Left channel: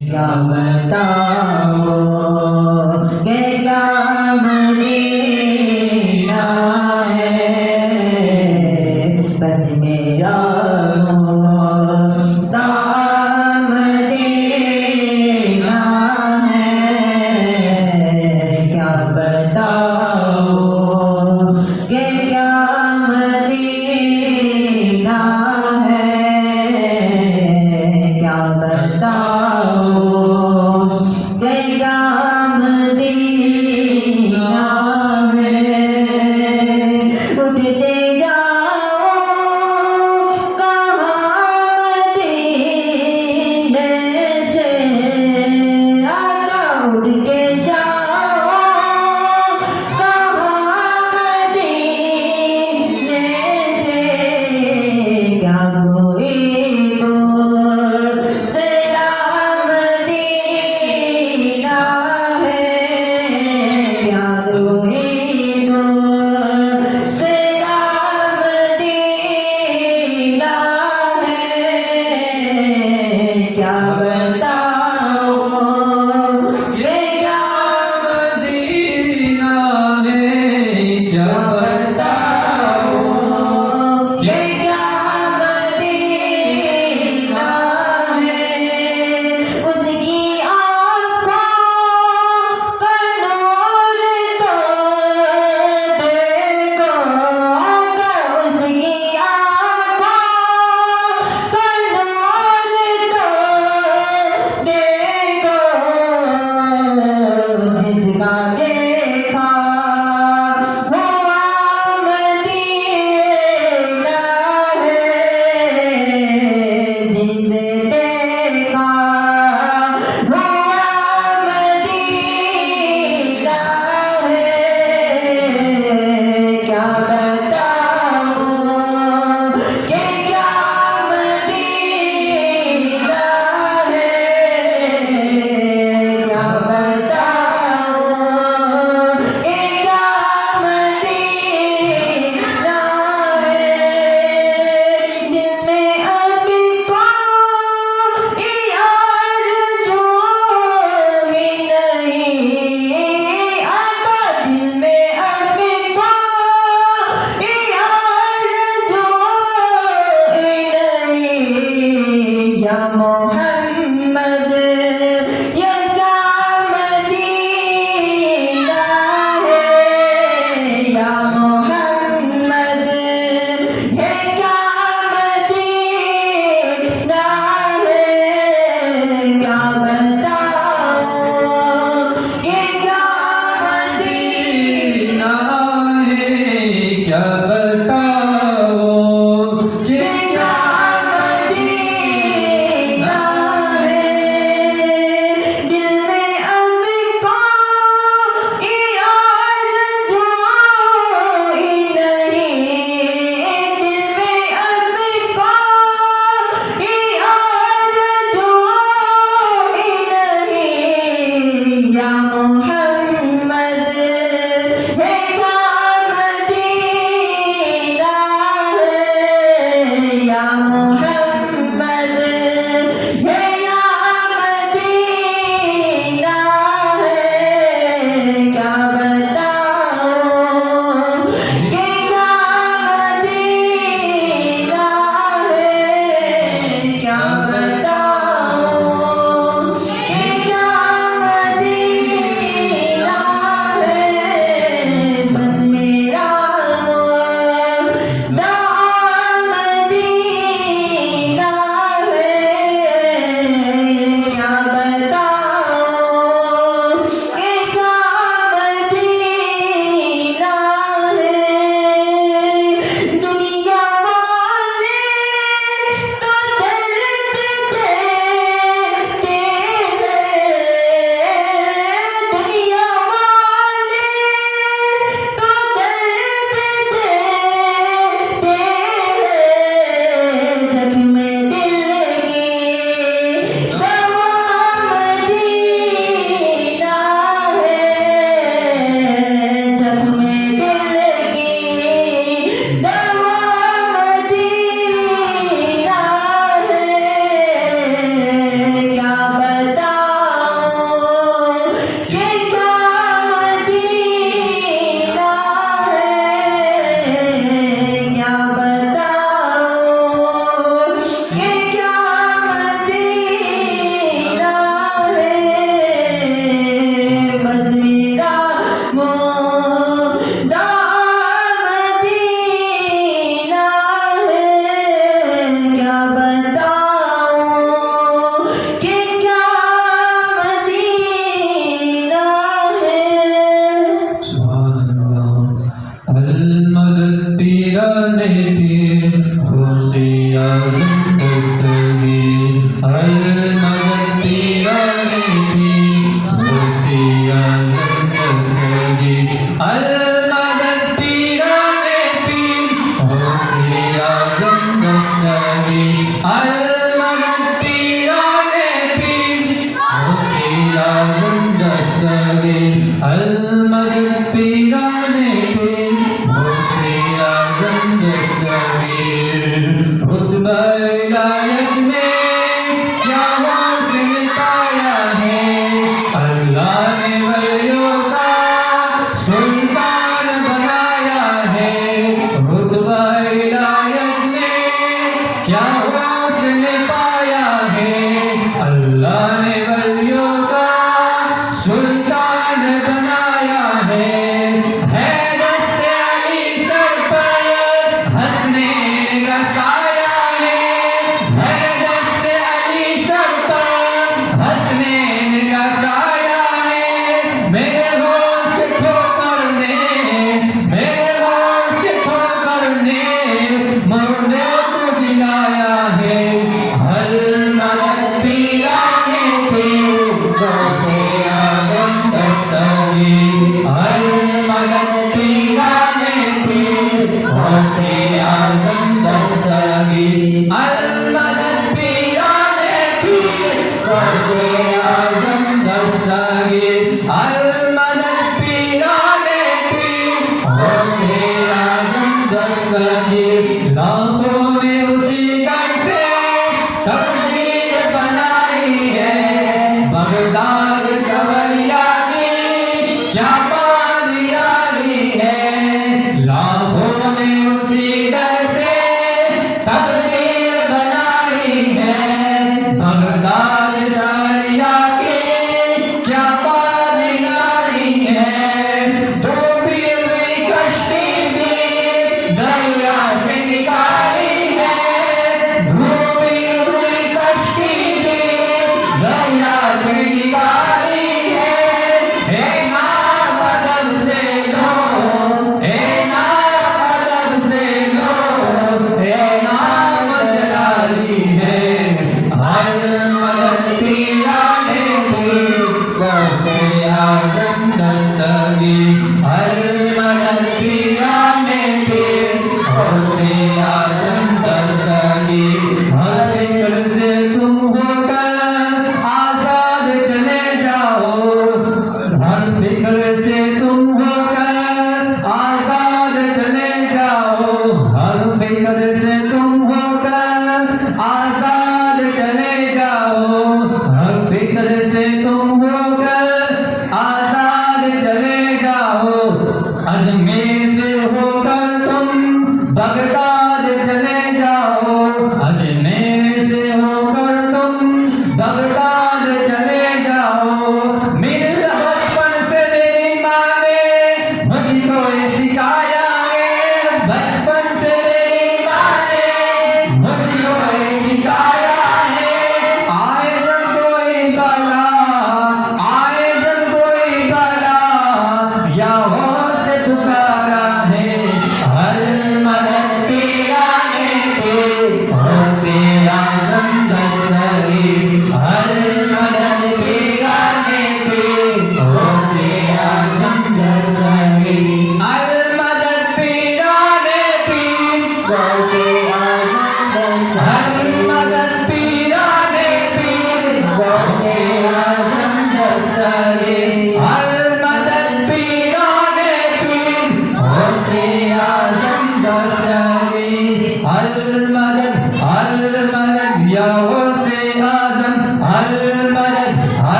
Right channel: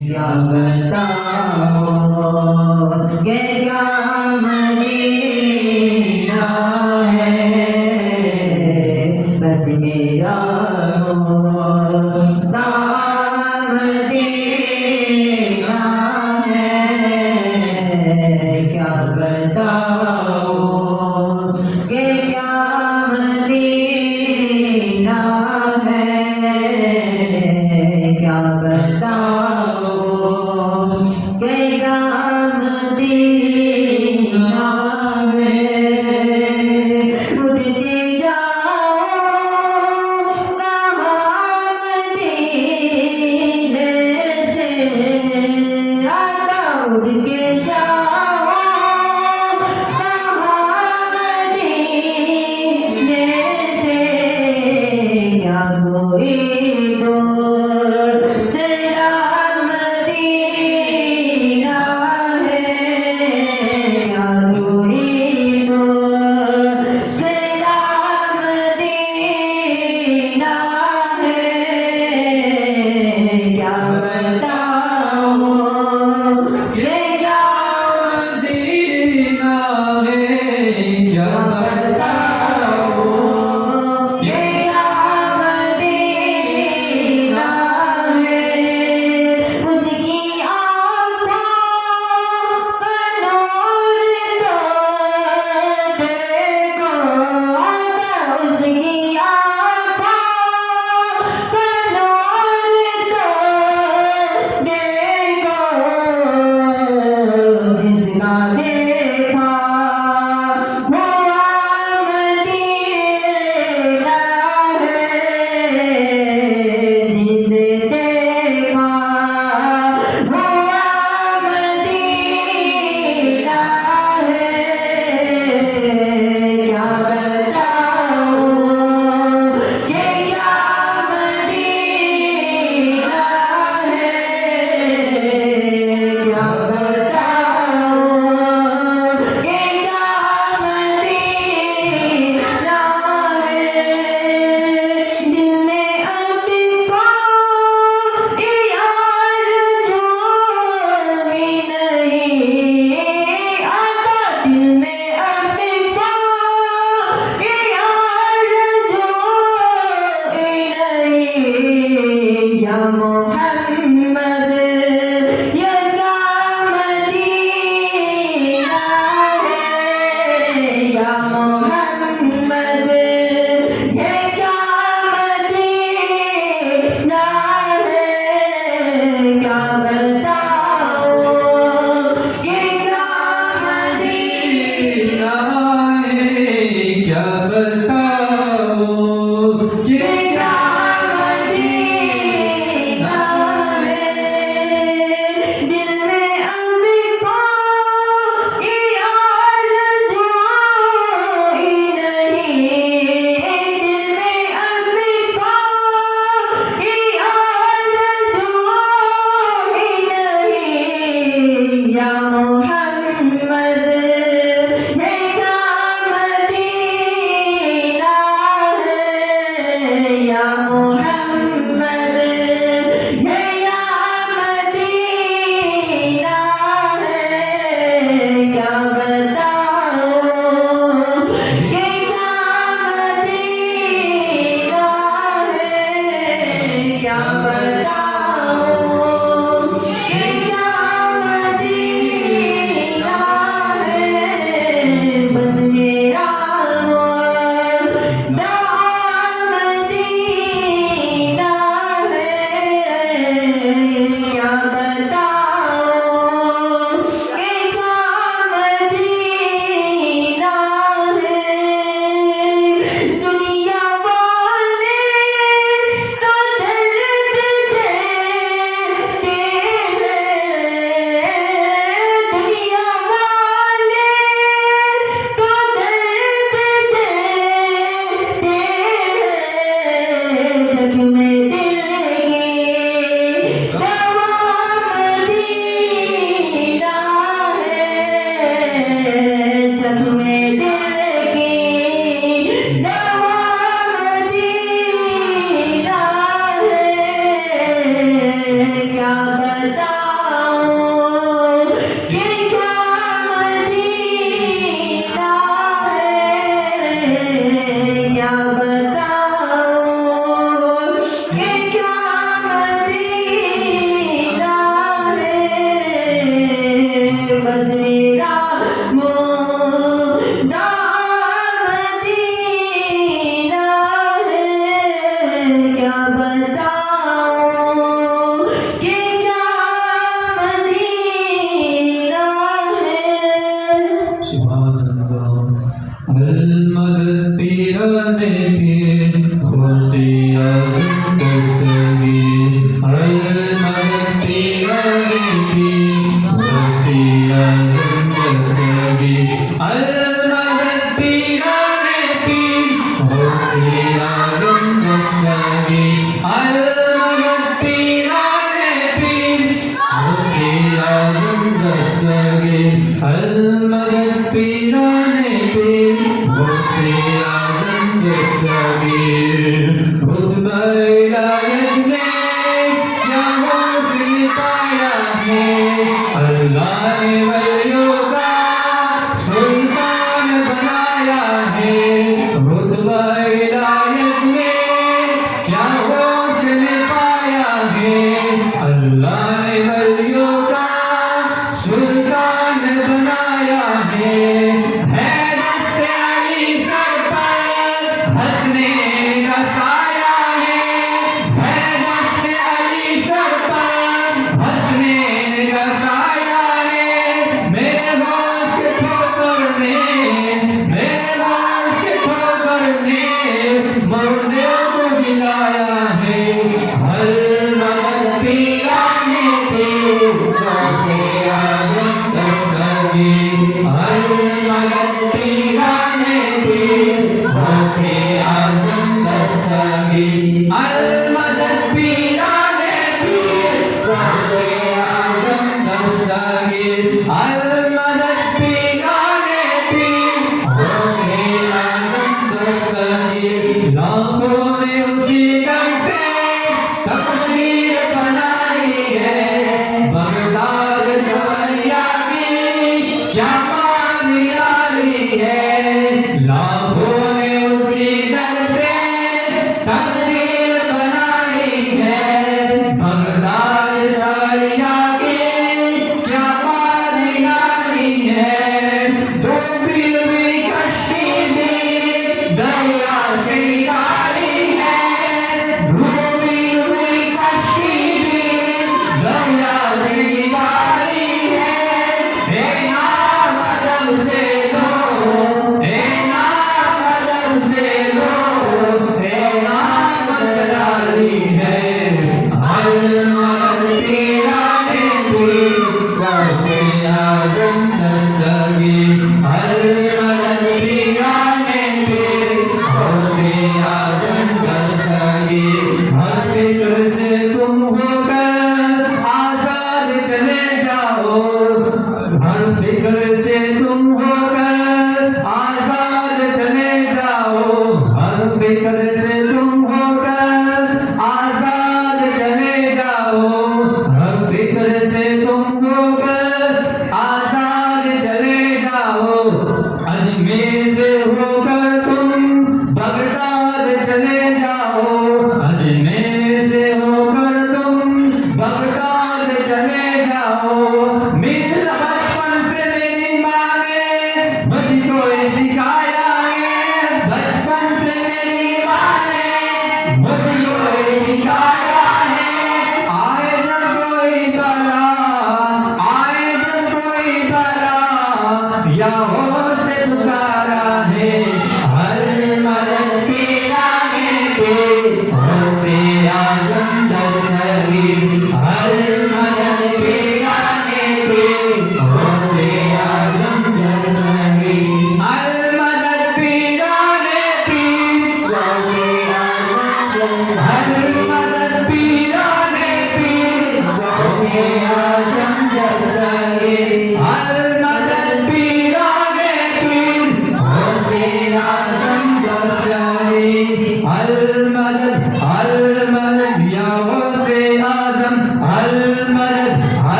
کیا بتاؤں کہ کیا مدینہ ہے، بس میرا مدام مدینہ ہے، کیا بتاؤں کہ کیا مدینہ ہے، کیا بتاؤں کہ کیا مدینہ ہے، اٹھتے جاؤ کہاں مدینے سے، آقا اٹھ کے جاؤ کہاں مدینے سے، کیا کوئی دور سرا مدینہ ہے، کیا کوئی دور سرا مدینہ ہے، کیا بتاؤں کہ کیا مدینہ ہے، کیا بتاؤں کہ کیا مدینہ ہے، اس کی آنکھوں کا نور تو دیکھو، آقا اس کی آنکھوں کا نور تو دیکھو، جس کا دیکھا ہوا مدینہ ہے، جسے دیکھا ہوا مدینہ ہے، کیا بتاؤں کہ کیا مدینہ ہے، کیا بتاؤں کہ کیا مدینہ ہے، دل میں اب کوئی آرزو ہی نہیں، آقا دل میں اب کوئی آرزو ہی نہیں، یا محمد یا مدینہ ہے، یا محمد یہ کیا مدینہ ہے، کیا بتاؤں کہ کیا مدینہ ہے، کیا بتاؤں کہ کہ کیا مدینہ ہے، دل میں اب کوئی آرزو ہی نہیں، دل میں اب کوئی آرزو ہی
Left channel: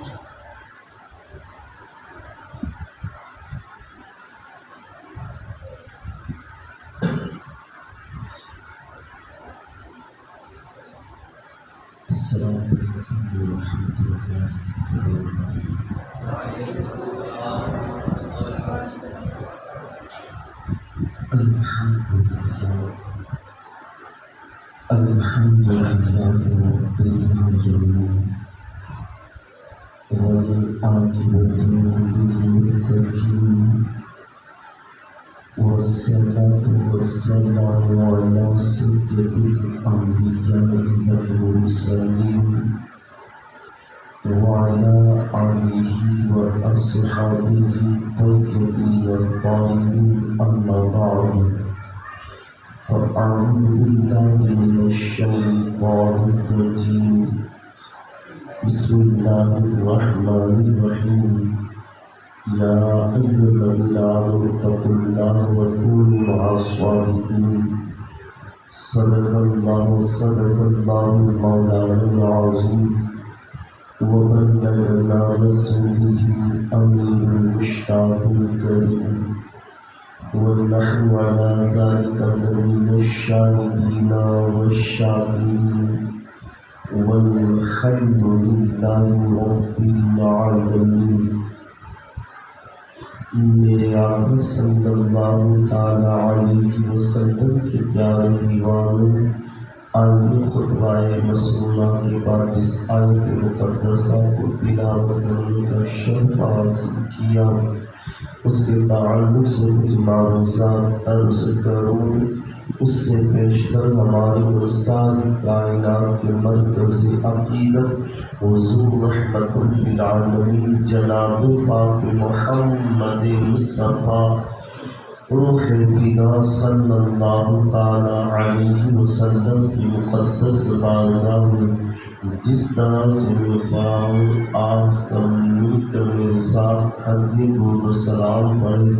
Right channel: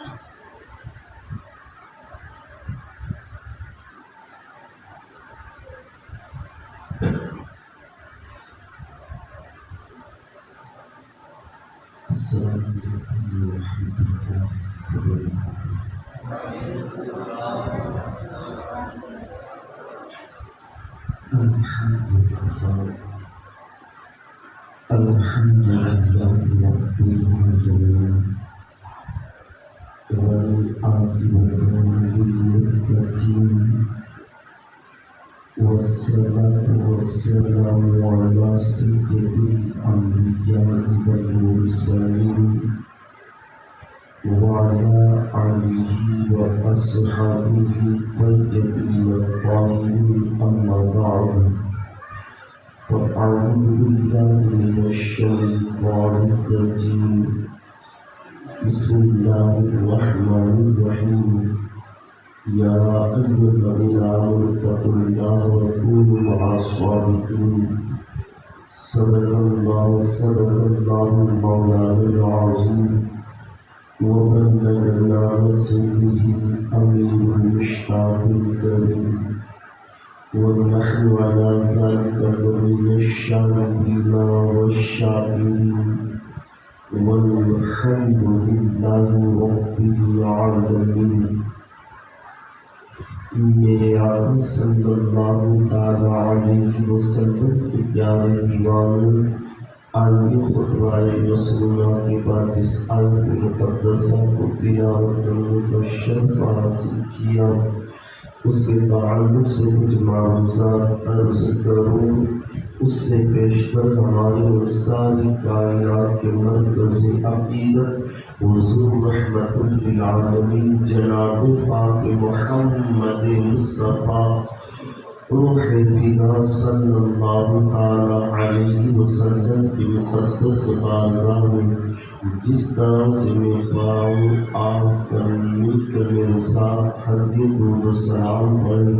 السلام عليكم ورحمة الله وبركاته. الحمد لله رب العالمين والعاقبة للمتقين والصلاة والسلام على سيد الأنبياء والمرسلين وعلى آله وأصحابه الطيبين الطاهرين أما بعد فأعوذ بالله من الشيطان الرجيم بسم الله الرحمن الرحيم يا أيها الذين آمنوا اتقوا الله وكونوا مع الصادقين صدق الله مولانا العظيم وبلغنا رسوله أمين المشتاق الكريم ونحن على ذلك من الشاهدين والشاكرين والحمد لله رب العالمين. میرے آقا صلی اللہ تعالیٰ علیہ وسلم کے پیارے دیوانوں، آئیے خطبہ مسنونہ کے بعد جس آیت مقدسہ کو تلاوت کرنے کا شرف حاصل کیا اس کے تعلق سے کچھ معروضات عرض کروں. اس سے پیشتر ہماری اور ساری کائنات کے مرکز عقیدت حضور رحمت للعالمین جناب پاک محمد مصطفیٰ روح فدا صلی اللہ تعالی علیہ وسلم کی مقدس بارگاہ میں جس طرح سے میں پاؤں آپ سب مل کر میرے ساتھ حدیث و سلام پڑھے.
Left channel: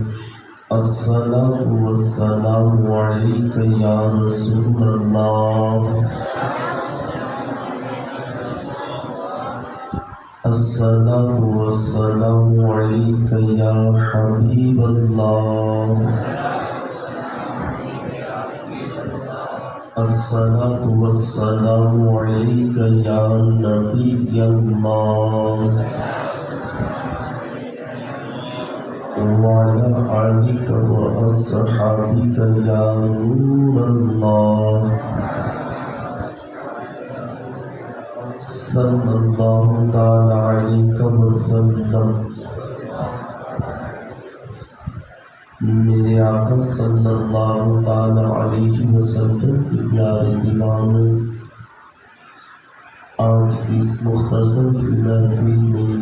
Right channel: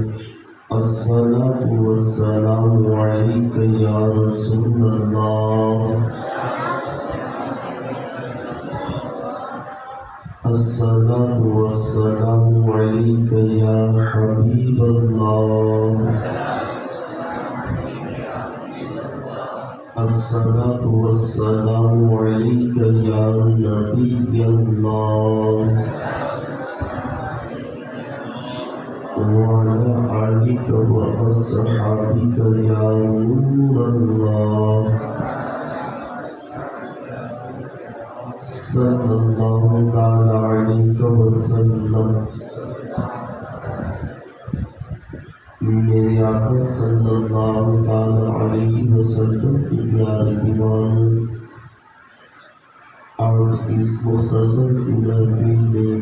الصلاة والسلام علیک یا رسول اللہ، الصلاة والسلام علیک یا حبیب اللہ، الصلاة والسلام علیک یا نبی اللہ، وعلى آلك وأصحابك يا نور الله. صلى الله تعالى عليك وسلم. میرے آقا صلی اللہ تعالی علیہ وسلم کی پیارے دیوانوں، آج اس مختصر سی محفل میں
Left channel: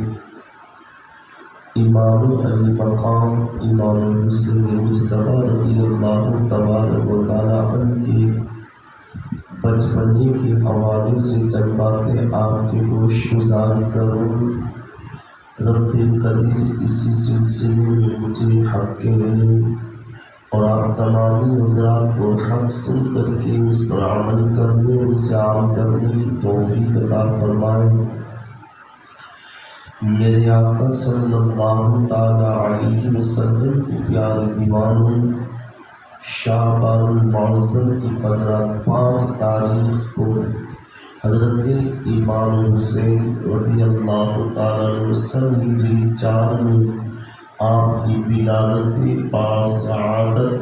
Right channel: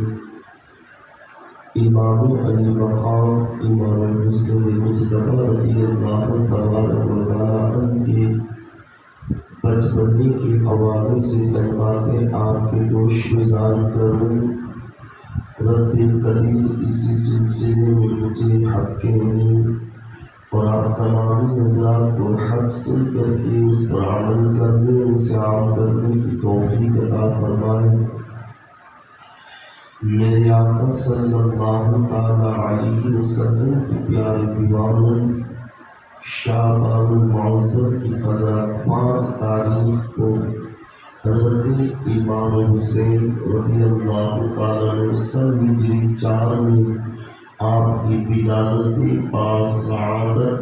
امام علی مقام امام حسین مجتبی رضی اللہ تبارک و تعالی عنہ کے بچپنے کے حوالے سے چند باتیں آپ کے گوش گزار کروں. رب قدیر اسی سلسلے میں مجھے حق کہنے اور آپ تمام حضرات کو حق سن کر کے اس پر عمل کرنے اور اسے عام کرنے کی توفیق عطا فرمائے. میرے آقا صلی اللہ تعالی علیہ وسلم کی پیارے دیوانوں، شعبان المعظم کی 5 تاریخ کو حضرت امام حسین رضی اللہ تعالیٰ عنہ ہجری 4 میں آپ کی ولادت باسعادت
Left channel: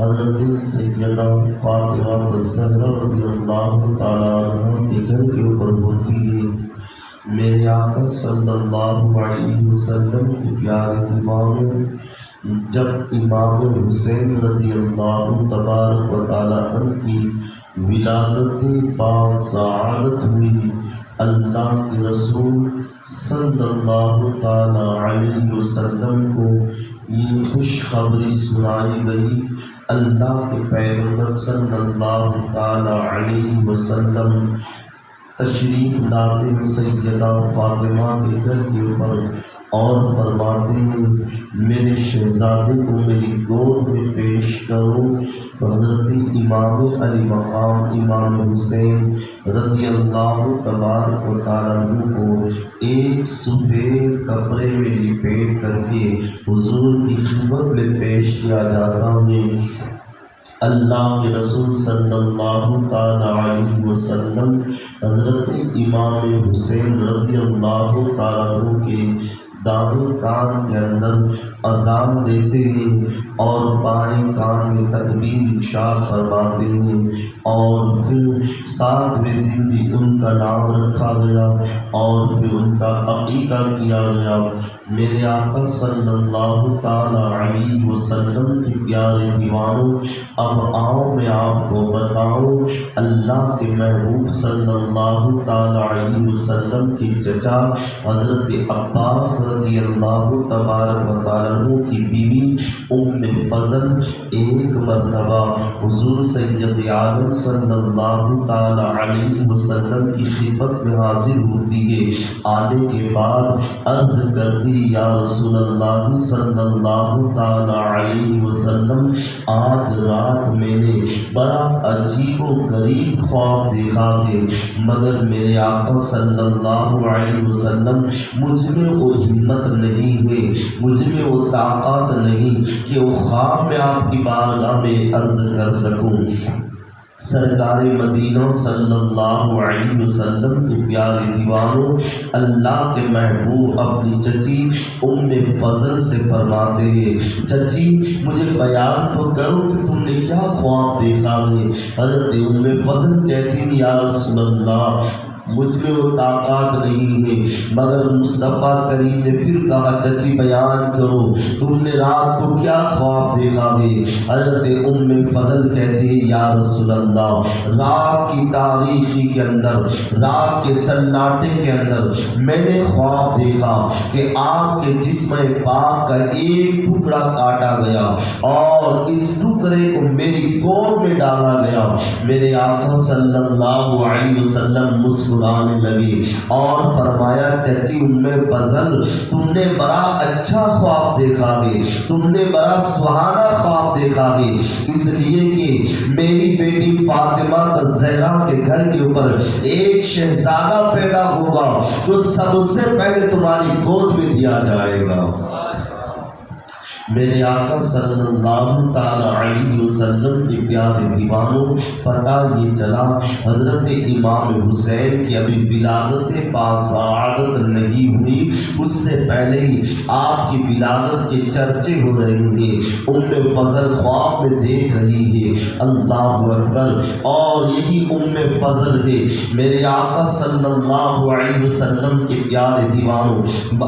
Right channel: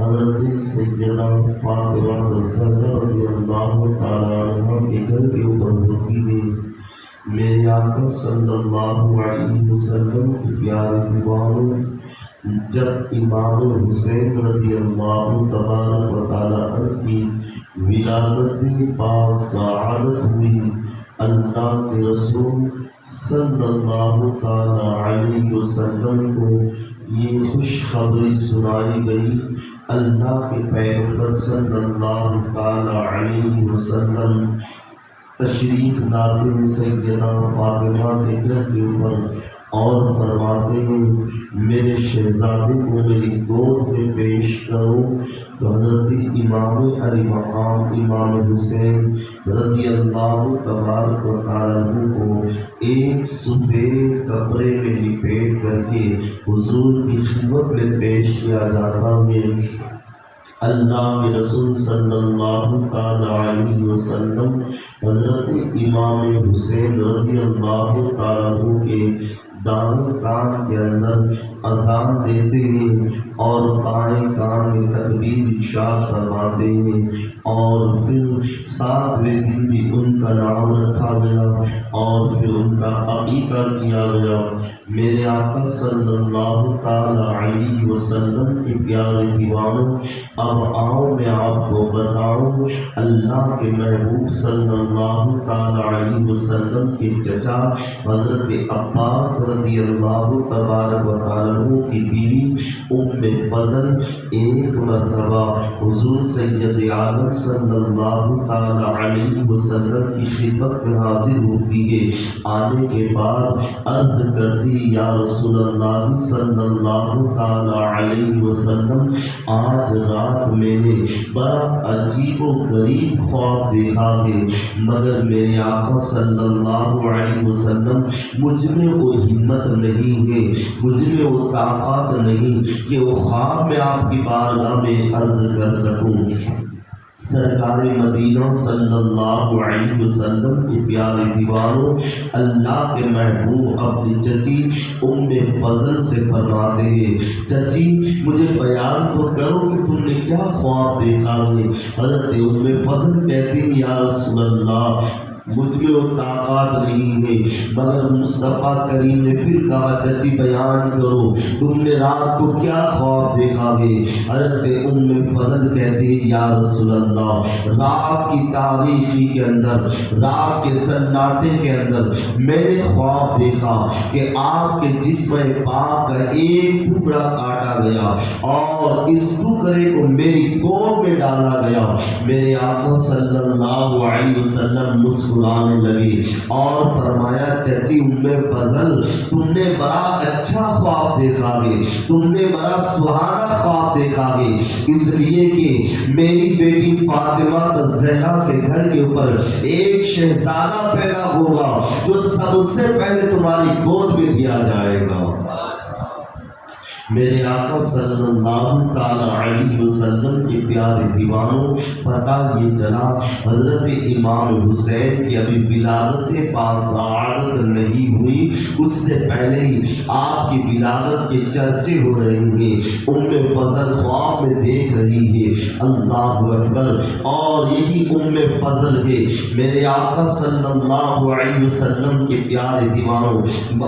حضرت سیدہ فاطمہ الزہرا رضی اللہ تعالیٰ عنہ کے گھر کے اوپر ہوتی ہے. میرے آقا صلی اللہ علیہ وسلم کی پیارے دیوانوں، جب امام حسین رضی اللہ تبارک و تعالیٰ عنہ کی ولادت باسعادت ہوئی، اللہ کے رسول صلی اللہ تعالی علیہ وسلم کو یہ خوشخبری سنائی گئی. اللہ کے پیغمبر صلی اللہ تعالی علیہ وسلم تشریف لاتے ہیں سیدہ فاطمہ کے گھر کے اوپر اور فرماتے ہیں میرے شہزادے کو میری گود میں پیش کرو۔ تو حضرت امام علی مقام امام حسین رضی اللہ تبارک و تعالیٰ عنہ کو ایک سفید کپڑے میں لپیٹ کر کے حضور کی خدمت میں پیش کیا جاتا ہے۔ اللہ کے رسول صلی اللہ تعالیٰ علیہ وسلم حضرت امام حسین رضی اللہ تعالیٰ عنہ کے دائیں کان کے اندر اذان دیتے ہیں اور بائیں کان میں تکبیر ارشاد فرماتے ہیں، اور پھر 7ویں دن بھی ان کا نام رکھا گیا اور پھر ان کا عقیقہ کیا گیا۔ میرے آقا صلی اللہ تعالیٰ علیہ وسلم کے پیارے دیوانوں، اب آؤ میں آپ کو بتاؤں اللہ کے محبوب صلی اللہ تعالیٰ علیہ وسلم کے چچا حضرت عباس رضی اللہ تبارک و تعالیٰ عنہ کی بیوی ام فضل ایک مرتبہ حضور سید عالم صلی اللہ تعالیٰ علیہ وسلم کی خدمت میں حاضر ہوتی ہے۔ آنے کے بعد عرض کرتی یا رسول اللہ صلی اللہ تعالیٰ علیہ وسلم، آج رات میں نے بڑا عجیب و غریب خواب دیکھا ہے، مگر میرے آقا صلی اللہ علیہ وسلم مجھ میں وہ ہمت نہیں ہے، مجھ میں وہ طاقت نہیں کہ وہ خواب میں آپ کی بارگاہ میں عرض کر سکوں۔ سرکار مدینہ صلی اللہ علیہ وسلم کے پیارے دیوانوں، اللہ کے محبوب اپنی چچی ام فضل سے فرماتے ہیں، چچی مجھے بیان تو کرو کہ تم نے کیا خواب دیکھا ہے۔ حضرت ام فضل کہتی ہیں یا رسول اللہ مجھ میں وہ طاقت نہیں ہے، مگر مصطفیٰ کریم نے پھر کہا چچی بیان کرو تم نے رات کو کیا خواب دیکھا ہے۔ حضرت ام فضل کہتے ہیں یا رسول اللہ رات کی تاریکی کے اندر، رات کے سناٹے کے اندر میں نے خواب دیکھا کہ آپ کے جسم پاک کا ایک ٹکڑا کاٹا گیا اور اس ٹکڑے کو میری گود میں ڈالا گیا۔ میرے آقا صلی اللہ علیہ وسلم مسکرانے لگے اور فرمایا چچی ام فضل تم نے بڑا اچھا خواب دیکھا ہے، تم نے بڑا سہانا خواب دیکھا ہے، اس لیے کہ میری بیٹی فاطمہ الزہرا کے گھر کے اوپر ایک شہزادہ پیدا ہوگا جو سب سے پہلے تمہاری گود میں دیا جائے گا۔ میرے آقا صلی اللہ تعالیٰ علیہ وسلم کے پیارے دیوانوں، پتہ یہ چلا حضرت امام حسین کی ابھی ولادت باسعادت نہیں ہوئی، اس سے پہلے ہی آپ کی ولادت کے چرچے ہو رہے ہیں۔ ام فضل خواب میں دیکھ رہی ہے، اللہ اکبر، اور یہی ام فضل ہے میرے آقا صلی اللہ علیہ وسلم کے پیارے دیوانوں۔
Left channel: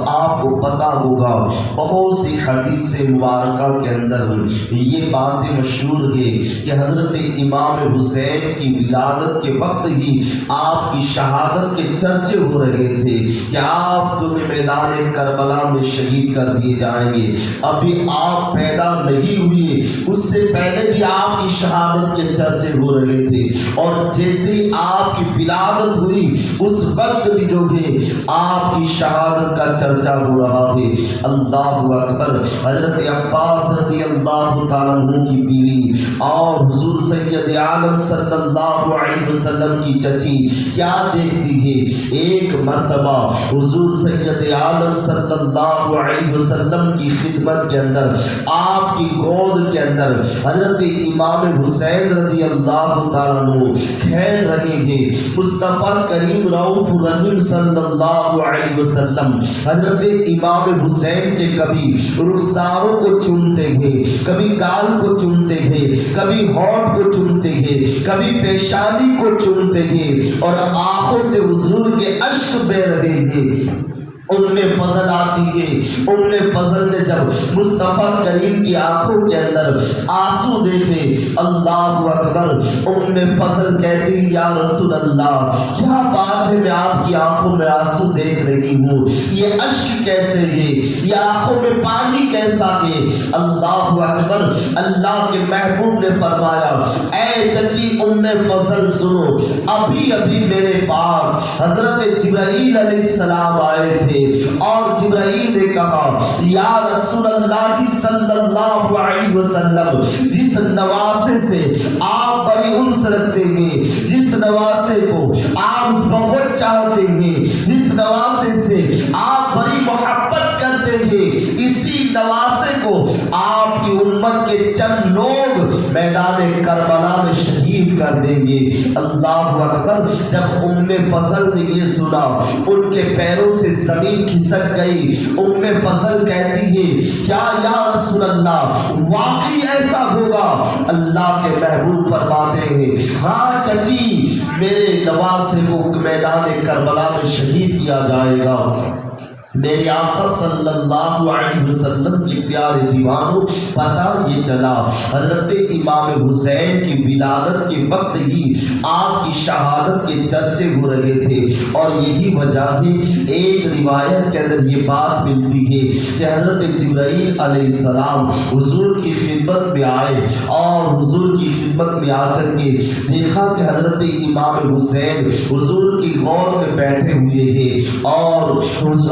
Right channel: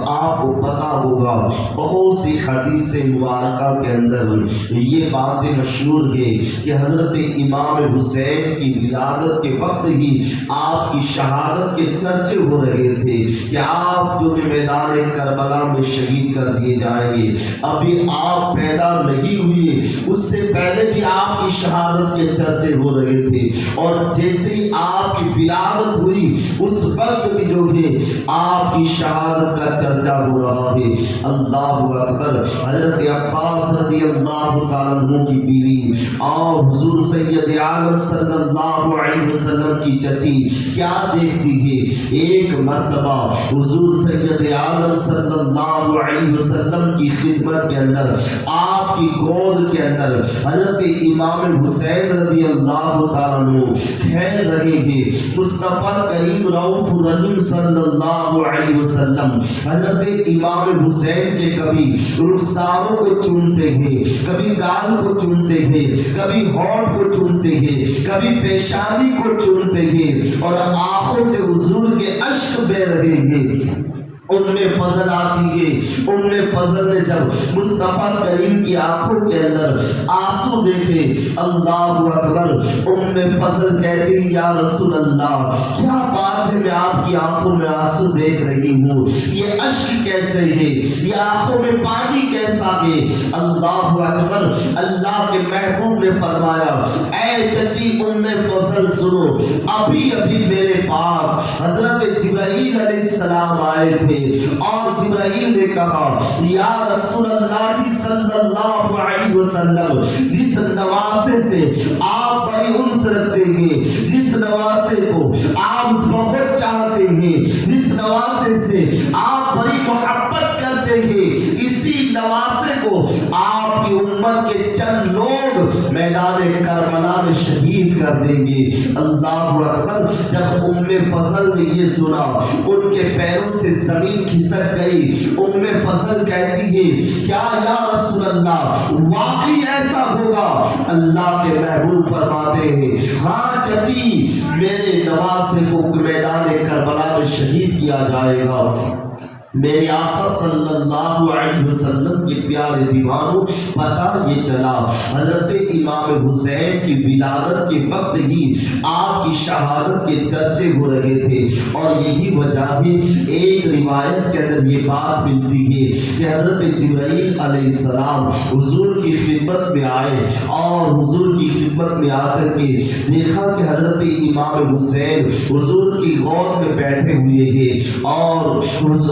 آپ کو پتہ ہوگا بہت سی حدیث مبارکہ کے اندر یہ باتیں مشہور ہے کہ حضرت امام حسین کی ولادت کے وقت ہی آپ کی شہادت کے چرچے ہو رہے تھے کہ آپ جو میدان کربلا میں شہید کر دیے جائیں گے۔ ابھی آپ پیدا نہیں ہوئے، اس سے پہلے بھی آپ کی شہادت کے چرچے ہو رہے تھے، اور جیسے ہی آپ کی ولادت ہوئی اس وقت بھی جو ہے آپ کی شہادت کا چرچا ہو رہا ہے۔ اللہ اکبر، حضرت عباس رضی اللہ تعالیٰ عنہ کی بیوی اور حضور سید عالم صلی اللہ علیہ وسلم کی چچی کیا دیکھتی ہے، ایک مرتبہ حضور سید عالم صلی اللہ علیہ وسلم کی خدمت کے اندر آپ کی گود کے اندر حضرت امام حسین رضی اللہ تعالیٰ عنہ کھیل رہے ہیں۔ مصطفیٰ کریم رؤوف رحیم صلی اللہ علیہ وسلم حضرت امام حسین کے کبھی رخساروں کو چومتے ہیں، کبھی گال کو چومتے ہیں، کبھی ہونٹ کو چومتے ہیں، کبھی پیشانی کو چومتے ہیں، اور آنکھوں سے حضور کے اشک بہہ رہے ہیں۔ ام فضل آتی ہے، ام فضل نے جب مصطفیٰ کریم کی آنکھوں کے اندر آنسو دیکھے، اللہ اکبر، ام فضل کہتی یا رسول اللہ کیا بات ہے، میں آپ کی آنکھوں میں آنسو دیکھ رہی ہوں، یہ اشک کیسے ہے، یہ آنکھوں میں پانی کیسا ہے؟ اللہ اکبر، اللہ کے محبوب نے فرمایا اے چچی ام فضل غزل سنو. ابھی ابھی میرے پاس حضرت جبرائیل علیہ السلام آئے تھے اور جبرائیل نے کہا یا رسول اللہ صلی اللہ علیہ وسلم جس نواسے سے آپ بڑی انس رکھتے ہیں, جس نواسے کو آپ بہت چاہتے ہیں, جس نواسے سے آپ بڑی محبت کرتے ہیں, اسی نواسے کو آپ کی امت کے چند لوگ میدان کربلا میں شہید کر دیں گے. اللہ اکبر. جب ام فضل نے یہ سنا ان کے پیروں سے زمین کھسک گئی. ام فضل کہتی ہے کیا یا رسول اللہ واقعی ایسا ہوگا؟ اللہ کے محبوب فرماتے ہیں ہاں چچی, میرے نواسے کو میدان کربلا میں شہید کیا جائے گا. میرے آقا صلی اللہ علیہ وسلم کے پیارے دیوانوں, پتہ یہ چلا حضرت امام حسین کی ولادت کے وقت ہی آپ کی شہادت کے چرچے ہو رہے تھے, اور یہی وجہ ہے. ایک روایت کے اندر یہ بات ملتی ہے کہ حضرت جبرائیل علیہ السلام حضور کی خدمت میں آئے اور حضور کی خدمت میں آ کر کے دیکھا کہ حضرت امام حسین حضور کی غور میں بیٹھے ہوئے ہیں, اور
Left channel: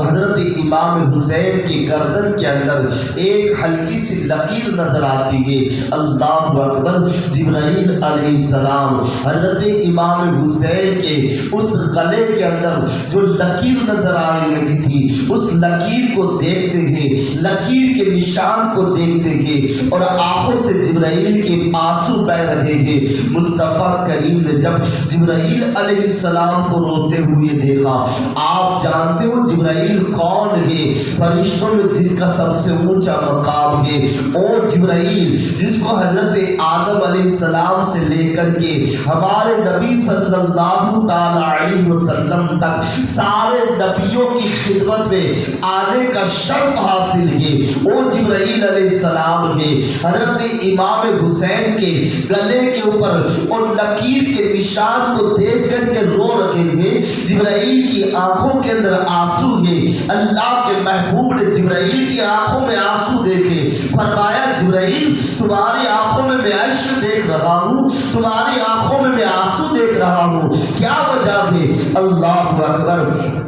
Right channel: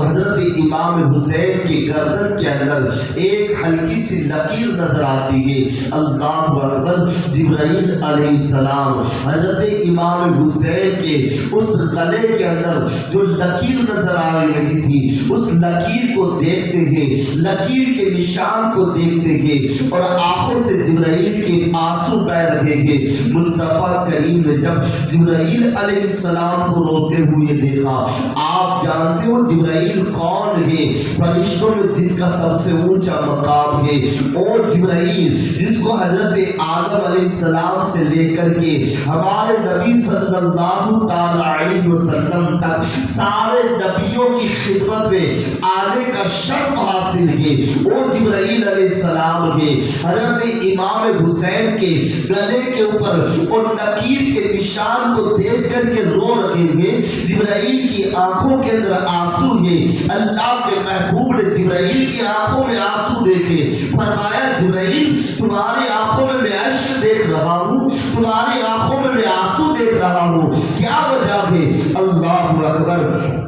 حضرت امام حسین کی گردن کے اندر ایک ہلکی سی لکیر نظر آتی ہے. اللہ اکبر. جبرائیل علیہ السلام حضرت امام حسین کے اس گلے کے اندر جو لکیر نظر آ رہی تھی اس لکیر کو دیکھتے ہیں, لکیر کے نشان کو دیکھتے ہیں, اور آنکھوں سے جبرائیل کے آنسو بہ رہے ہیں. مصطفیٰ کریم نے جب جبرائیل علیہ السلام کو روتے ہوئے دیکھا, آپ جانتے ہو جبرائیل کون ہے؟ فرشتوں میں جس کا سب سے اونچا مقام ہے وہ جبرائیل, جس کو حضرت آدم علیہ السلام سے لے کر کے ہمارے نبی صلی اللہ تعالی علیہ وسلم تک سارے نبیوں کی خدمت میں آنے کا شرف حاصل ہے, وہ جبرائیل علیہ السلام ہے. حضرت امام حسین کے گلے کے اوپر اور لکیر کے نشان کو دیکھ کر کے رو رہے ہیں. جبرائیل کی آنکھوں کے اندر آنسو ہے. اللہ کے محبوب نے جبرائیل کی آنکھوں میں آنسو دیکھے, فرمایا جبرائیل تمہاری آنکھوں میں میں عشق دیکھ رہا ہوں, تمہاری آنکھوں میں آنسو دیکھ رہا ہوں, کیا وجہ ہے؟ اللہ اکبر.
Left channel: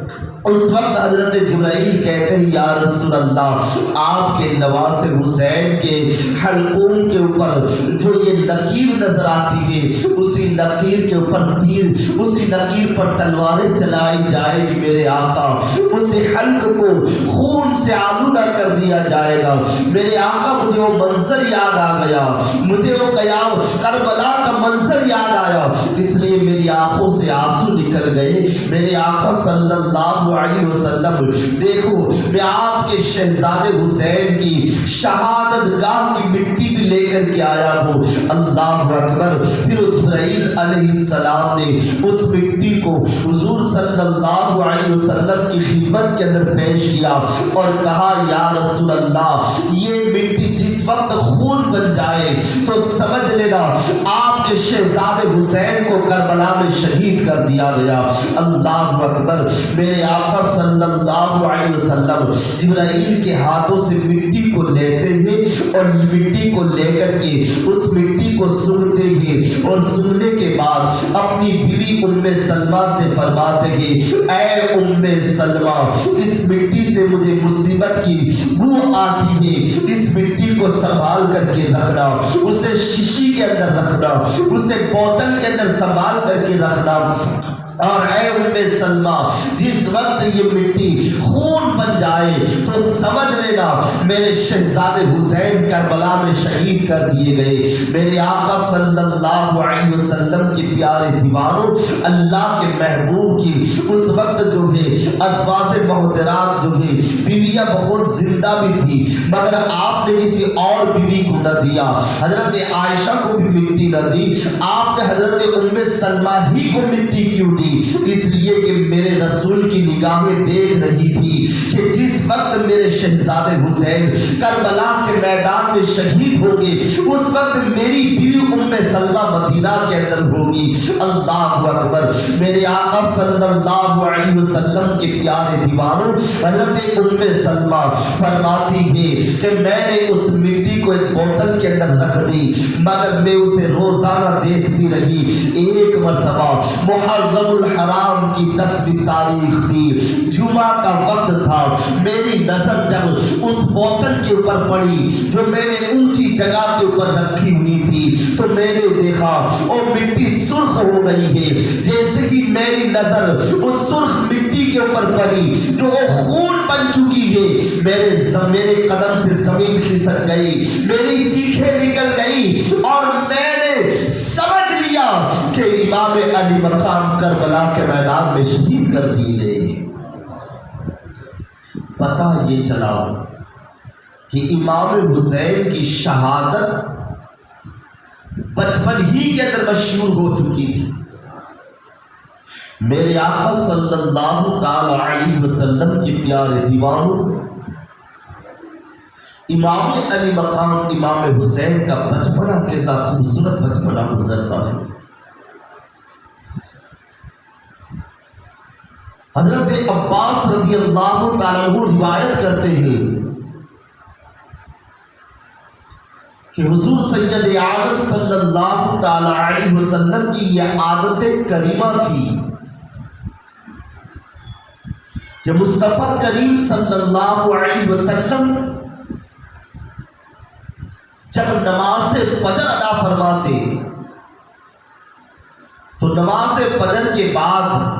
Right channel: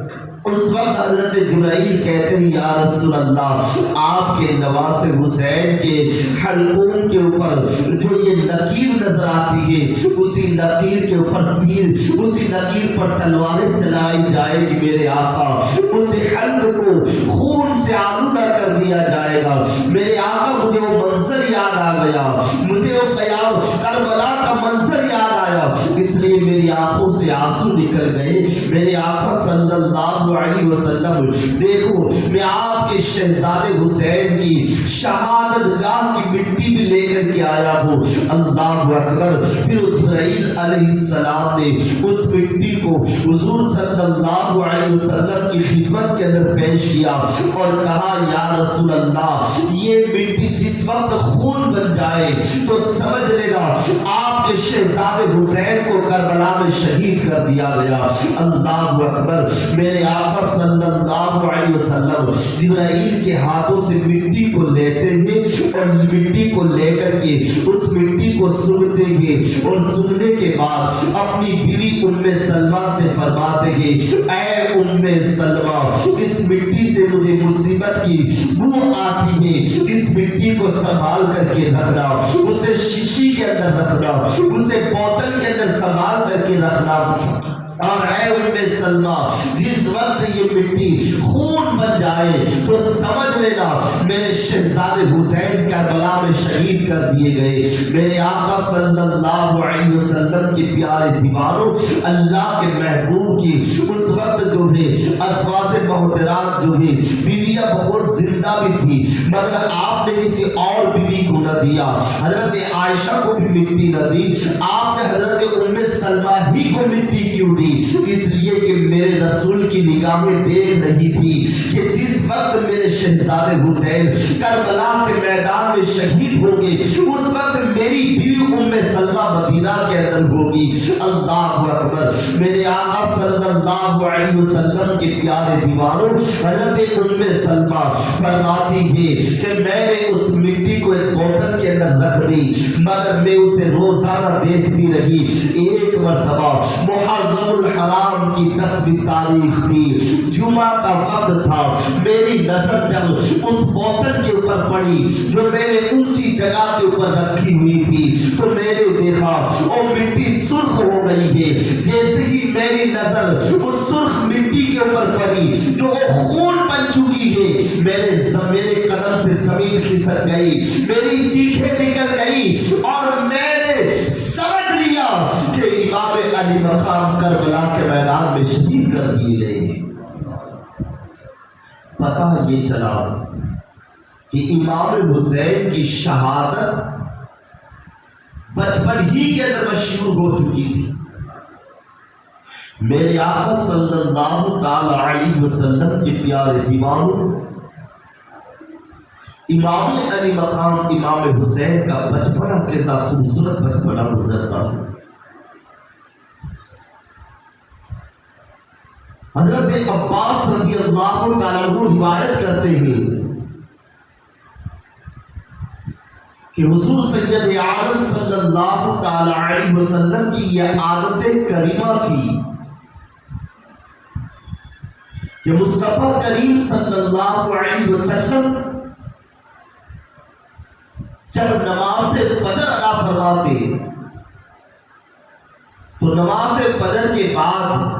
اس وقت حضرت جبرائیل کہتے ہیں یا رسول اللہ آپ کے نواسے حسین کے حلقوں کے اوپر جو یہ لکیر نظر آتی ہے اسی لکیر کے اوپر تیر, اسی لکیر پر تلواریں چلائی جائے گی میرے آقا, اسی حلق کو خون سے آلودہ کر دیا جائے گا. میرے آقا مجھے وہ منظر یاد آ گیا, مجھے وہ قیام کربلا کا منظر یاد آیا, اس لیے میری آنکھوں سے آنسو نکل گئے. میرے آقا صلی اللہ علیہ وسلم دیکھو میں آپ کے شہزادے حسین کی شہادت گاہ کی مٹی بھی لے کر کے آیا ہوں. اللہ اکبر. پھر جبرائیل علیہ السلام نے اس مٹی کو حضور صلی اللہ علیہ وسلم کی خدمت کے اندر پیش کیا اور کہا یا رسول اللہ یہ مٹی جس وقت خون بن جائے تو سمجھ لینا آپ کے شہزادے حسین کو کربلا میں شہید کر دیا گیا. اللہ اکبر. میرے آقا صلی اللہ علیہ وسلم جبرائیل کے ہاتھوں سے مٹی کو لیتے ہیں اور مٹی کو لے کر کے اس مٹی کو سونگتے ہیں, اور سونگنے کے بعد اپنی بیوی ام سلمہ سے فرماتے ہیں اے ام سلمہ اس مٹی سے مجھے مصیبت کی بو آتی ہے, اس مٹی کو سنبھال کر کے رکھنا, اسے شیشی کے اندر رکھنا, اسے بوتل کے اندر سنبھال کر کے رکھنا. اور اے ام سلمہ جس وقت یہ مٹی خون بن جائے تو سمجھ لینا میرے شہزادے حسین کربلا میں شہید کر دیے گئے. میرے آقا صلی اللہ علیہ وسلم کے پیارے دیوانوں, اللہ کے محبوب کی اس وقت جو ہے ازواج محترمات جو ہے بیویاں بہت زندہ بھی تھی, مگر آپ نے کسی اور بیوی کو نہ دیا. حضرت عائشہ کو بھی مٹی نہ دی, آپ نے حضرت ام سلمہ ہی کو مٹی کیوں دی؟ اس لیے کہ میرے رسول کی نگاہیں دیکھ رہی تھی کہ جس وقت میرے شہزادے حسین کربلا کے میدان میں شہید ہوں گے اس وقت میری بیوی ام سلمہ مدینہ کے اندر ہوگی. اللہ اکبر. میرے آقا صلی اللہ علیہ وسلم کے پیارے دیوانوں, حضرت ام سلمہ فرماتی ہے کہ میں نے اس مٹی کو ایک بوتل کے اندر رکھ دی مگر میں اسے روزانہ دیکھتی رہی. ایک مرتبہ محرم الحرام کی 10ویں تاریخ تھی, جمعہ کا وقت تھا, میری نظر جب اس بوتل کے اوپر پڑی جو میں نے اونچی جگہ کے اوپر رکھی ہوئی تھی تو میں نے دیکھا وہ مٹی سرخ ہو گئی ہے. جیسے ہی میری نظر اس سرخ مٹی کے اوپر پڑی جو وہ خون بن چکی ہے, میرے قدم سے زمین کھسک گئی, میری چیخیں نکل گئی اور میں نے سمجھ لیا کہ امام علی مقام کربلا کے میدان میں شہید کر دیے گئے. پتہ یہ چلا کہ امام حسین کی شہادت بچپن ہی کے اندر مشہور ہو چکی تھی. میرے آقا صلی اللہ تعالی علیہ وسلم کے پیارے دیوانوں, امام علی مقام امام حسین کا بچپنا کیسا خوبصورت بچپنا گزرتا ہے. حضرت عباس رضی اللہ تعالیٰ عنہ روایت کرتے ہیں کہ حضور سید عالم صلی اللہ تعالی علیہ وسلم کی یہ عادت کریمہ تھی کہ مصطفیٰ کریم صلی اللہ علیہ وسلم جب نماز فجر ادا فرماتے تو نماز فجر کے بعد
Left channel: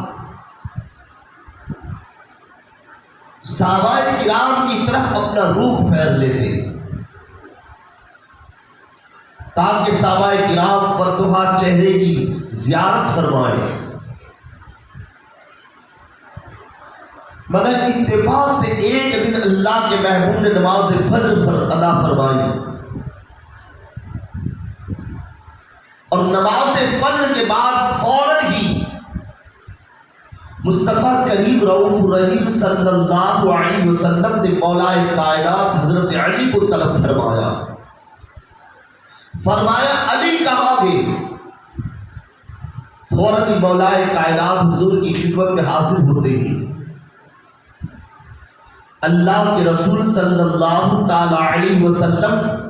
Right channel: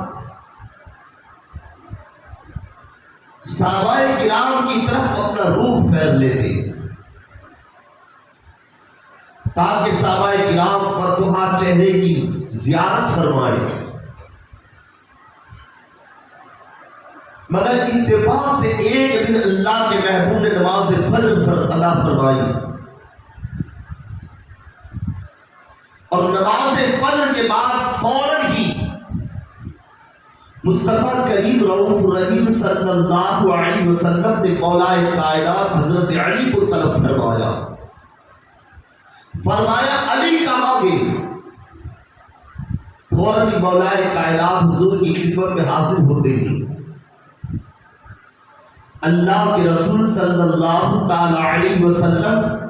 صحابہ کرام کی طرف اپنا رخ پھیر لیتے تاکہ صحابہ کرام پر دوہا چہرے کی زیارت فرمائے. مگر اتفاق سے ایک دن اللہ کے محبوب نے نماز فجر ادا فرمائی اور نماز فجر کے بعد فوراً ہی مصطفیٰ کریم رؤوف رحیم صلی اللہ علیہ وسلم نے مولا کائنات حضرت علی کو طلب فرمایا علی کہاں گئے؟ فوراً مولا کائنات حضور کی خدمت میں حاضر ہوتے ہیں. اللہ کے رسول صلی اللہ تعالی علیہ وسلم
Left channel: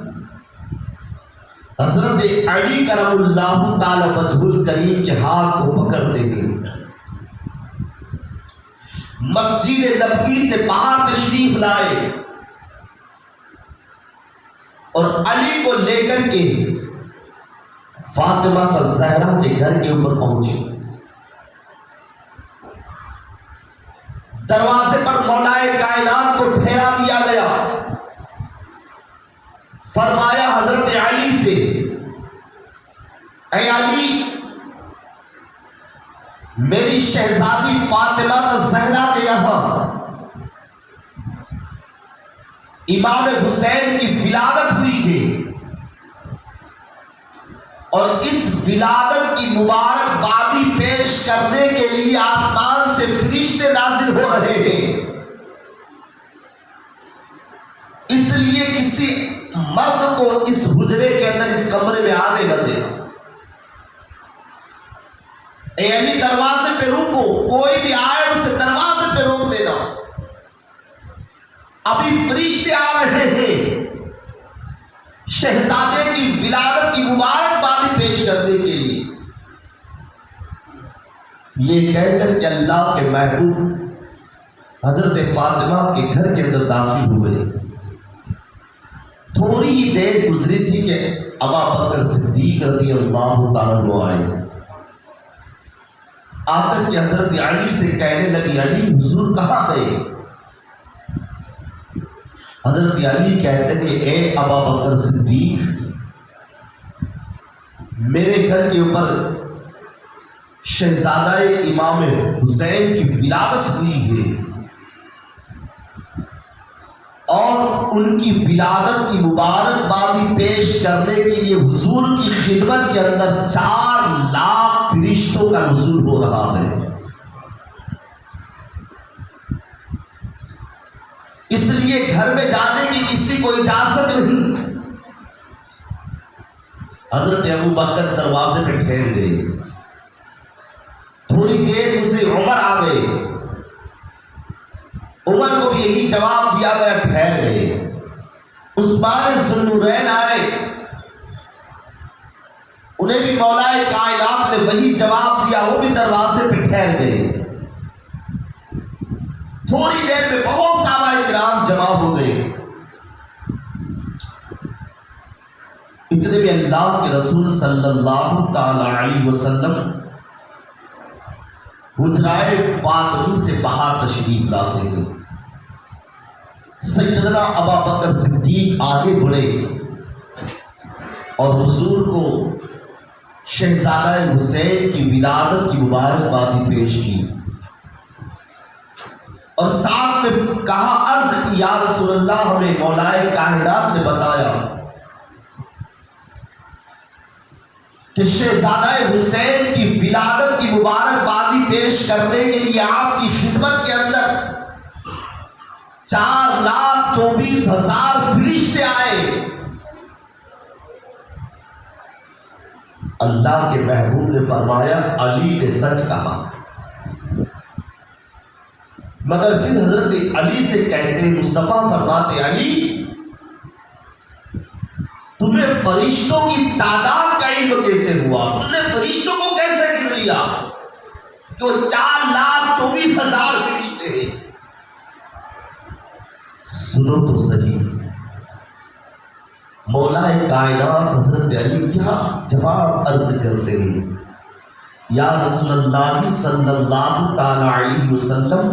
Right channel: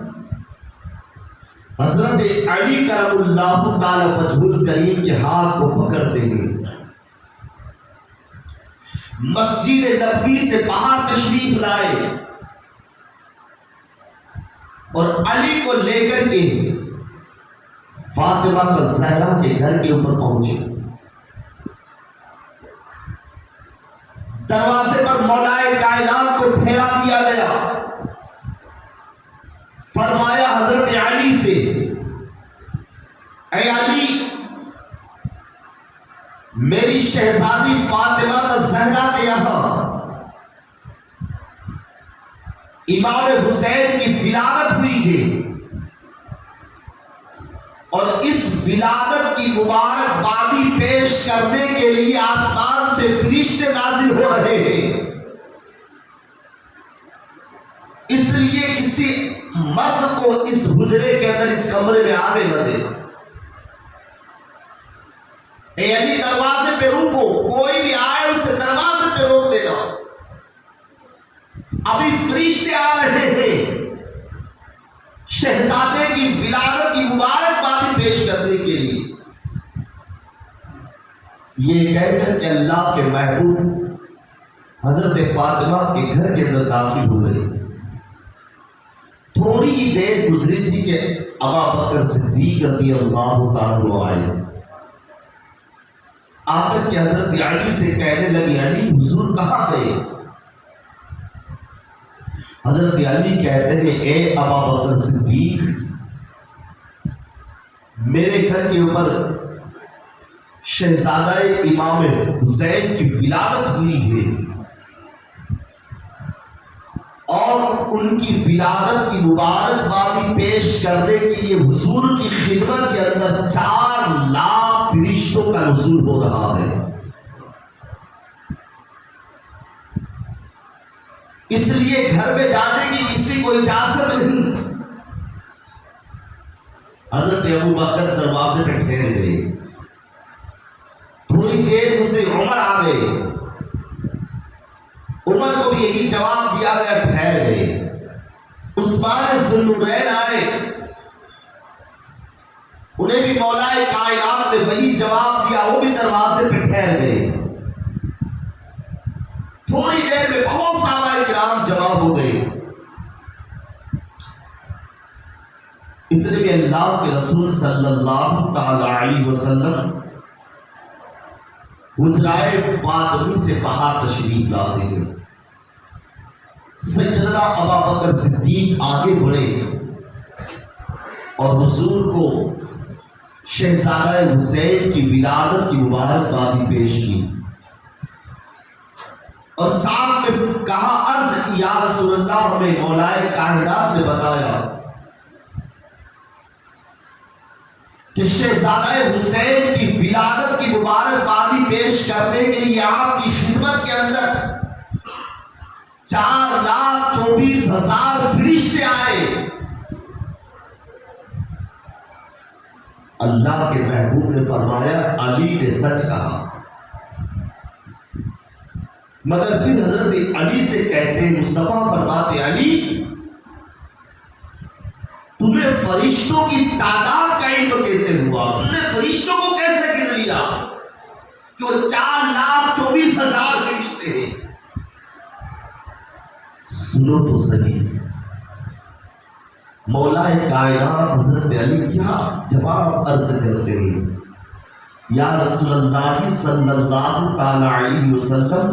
حضرت علی کرم اللہ تعالی وجہ الکریم کے ہاتھ کو پکڑتے ہیں, مسجد نبوی سے باہر تشریف لائے اور علی کو لے کر کے فاطمہ الزہرا کے گھر کے اوپر پہنچے. دروازے پر مولا کائنات کو ٹھہرا دیا گیا. فرمایا حضرت علی سے, اے علی, میری شہزادی فاطمہ الزہرا کے یہاں امام حسین کی ولادت ہوئی ہے اور اس ولادت کی مبارکبادی پیش کرنے کے لیے آسمان سے فرشتے نازل ہو رہے ہیں. اس لیے کسی مرد کو اس حجرے کے اندر اس کمرے میں آنے نہ دینا. اے علی, دروازے پہ رکو, کوئی بھی آئے اسے دروازے پہ روک لینا, ابھی فرشتے آ رہے ہیں شہزادے کی ولادت کی مبارکبادی پیش کرنے کے لیے. یہ کہہ کر کہ اللہ کے محبوب حضرت فاطمہ کے گھر کے اندر داخل ہوئے. تھوڑی ہی دیر گزری تھی کہ ابا بکر صدیق رضی اللہ تعالیٰ عنہ آئے. آ کر کے حضرت علی سے کہنے لگی, علی حضور کہاں گئے؟ حضرت علی کہتے ہیں, اے ابا بکر صدیق, میرے گھر کے اوپر شہزادہ امام حسین کی ولادت ہوئی ہے اور ان کی ولادت کی مبارکبادی پیش کرنے کے لیے حضور کی خدمت کے اندر 4 لاکھ فرشتوں کا نزول ہو رہا ہے. اس لیے گھر میں جانے کی کسی کو اجازت نہیں. حضرت ابو بکر دروازے پہ ٹھہر گئے. تھوڑی دیر اسے عمر آ گئے. عمر کو بھی یہی جواب دیا گیا, عثمان ذوالنورین آئے، انہیں بھی مولا کائنات نے وہی جواب دیا، وہ بھی دروازے پہ ٹھہر گئے۔ تھوڑی دیر میں بہت صحابہ کرام جمع ہو گئے۔ اتنے میں اللہ کے رسول صلی اللہ تعالی علیہ وسلم حجرائے فاطمی سے باہر تشریف لاتے ہیں۔ سیدنا ابوبکر صدیق آگے بڑھے اور حضور کو شہزادہ حسین کی ولادت کی مبارکبادی پیش کی اور ساتھ میں کہا، عرض کی یا رسول اللہ، ہمیں مولائے کائنات نے بتایا کہ شہزادہ حسین کی ولادت کی مبارکبادی پیش کرنے کے لیے آپ کی خدمت کے اندر 4,24,000 فرشتے آئے۔ اللہ کے محبوب نے فرمایا، علی نے سچ کہا۔ مگر پھر حضرت علی سے کہتے، مصطفیٰ فرماتے، علی تمہیں فرشتوں کی تعداد کا علم کیسے ہوا؟ تم نے فرشتوں کو کیسے گن لیا کہ وہ 4,24,000 فرشتے ہیں؟ سنو تو صحیح، مولا کائنات حضرت علی کیا جواب عرض کرتے ہیں، یا رسول اللہ صلی اللہ تعالی علیہ وسلم،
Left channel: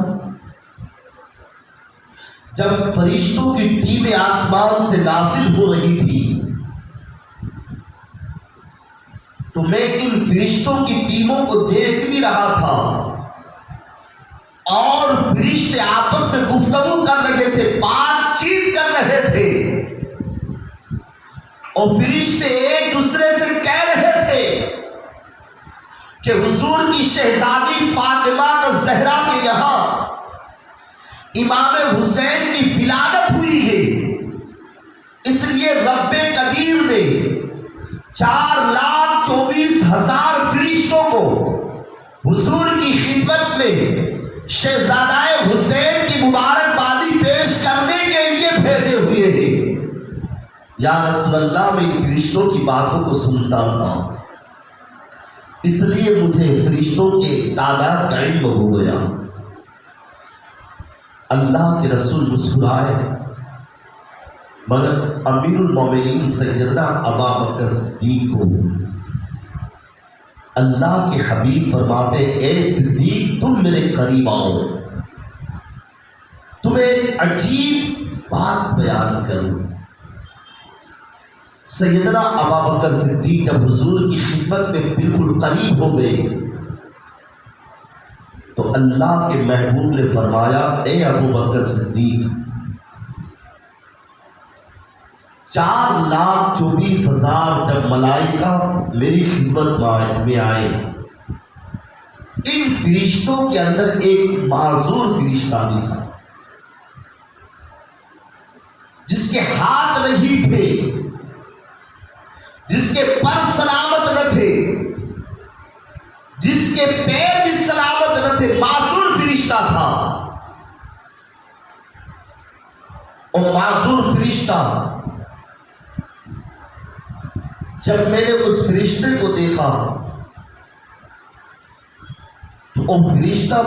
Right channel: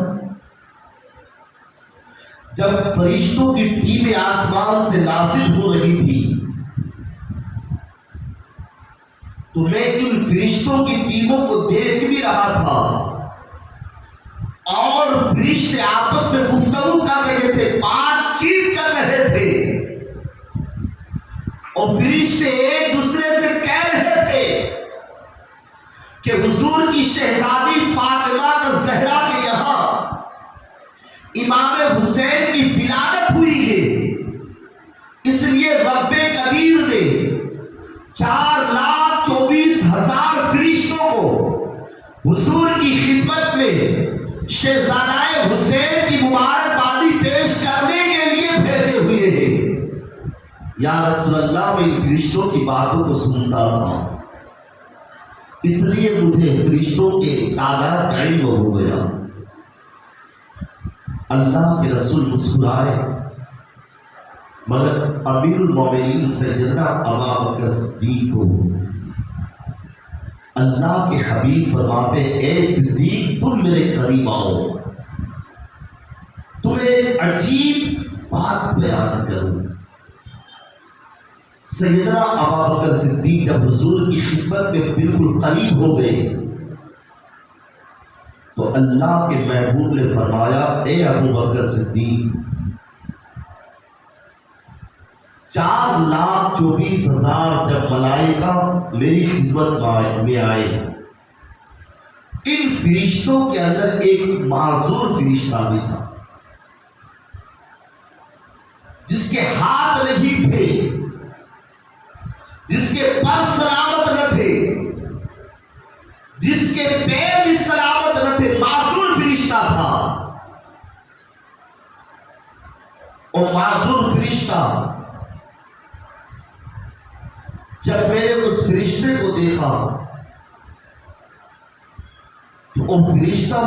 جب فرشتوں کی ٹیمیں آسمان سے نازل ہو رہی تھی تو میں ان فرشتوں کی ٹیموں کو دیکھ بھی رہا تھا، اور فرشتے آپس میں گفتگو کر رہے تھے، بات چیت کر رہے تھے، اور فرشتے ایک دوسرے سے کہہ رہے تھے کہ حضور کی شہزادی فاطمہ زہرا کے یہاں امام حسین کی ولادت ہوئی ہے، اس لیے رب قدیر نے 4,24,000 فرشتوں کو حضور کی خدمت میں شہزادہ حسین کی مبارکبادی پیش کرنے کے لیے بھیجے ہوئے ہیں۔ یا رسول اللہ، میں ان فرشتوں کی باتوں کو سنتا تھا، اس لیے مجھے فرشتوں کے تعداد کا علم ہو گیا۔ اللہ کے رسول مسکرائے، مگر امیر المومنین سیدنا ابوبکر صدیق کو اللہ کے حبیب فرماتے، اے صدیق تم میرے قریب آؤ، تمہیں ایک عجیب بات بیان کروں۔ سیدنا ابوبکر صدیق جب حضور کی خدمت میں بالکل قریب ہو گئے تو اللہ کے محبوب نے فرمایا، اے ابوبکر صدیق، 4,24,000 جب ملائکہ میری خدمت میں آئے، ان فرشتوں کے اندر ایک معذور فرشتہ بھی تھا جس کے ہاتھ نہیں تھے، جس کے پر سلامت نہ تھے، جس کے پیر بھی سلامت نہ تھے، معذور فرشتہ تھا۔ اور معذور فرشتہ جب میں نے اس فرشتے کو دیکھا تو وہ فرشتہ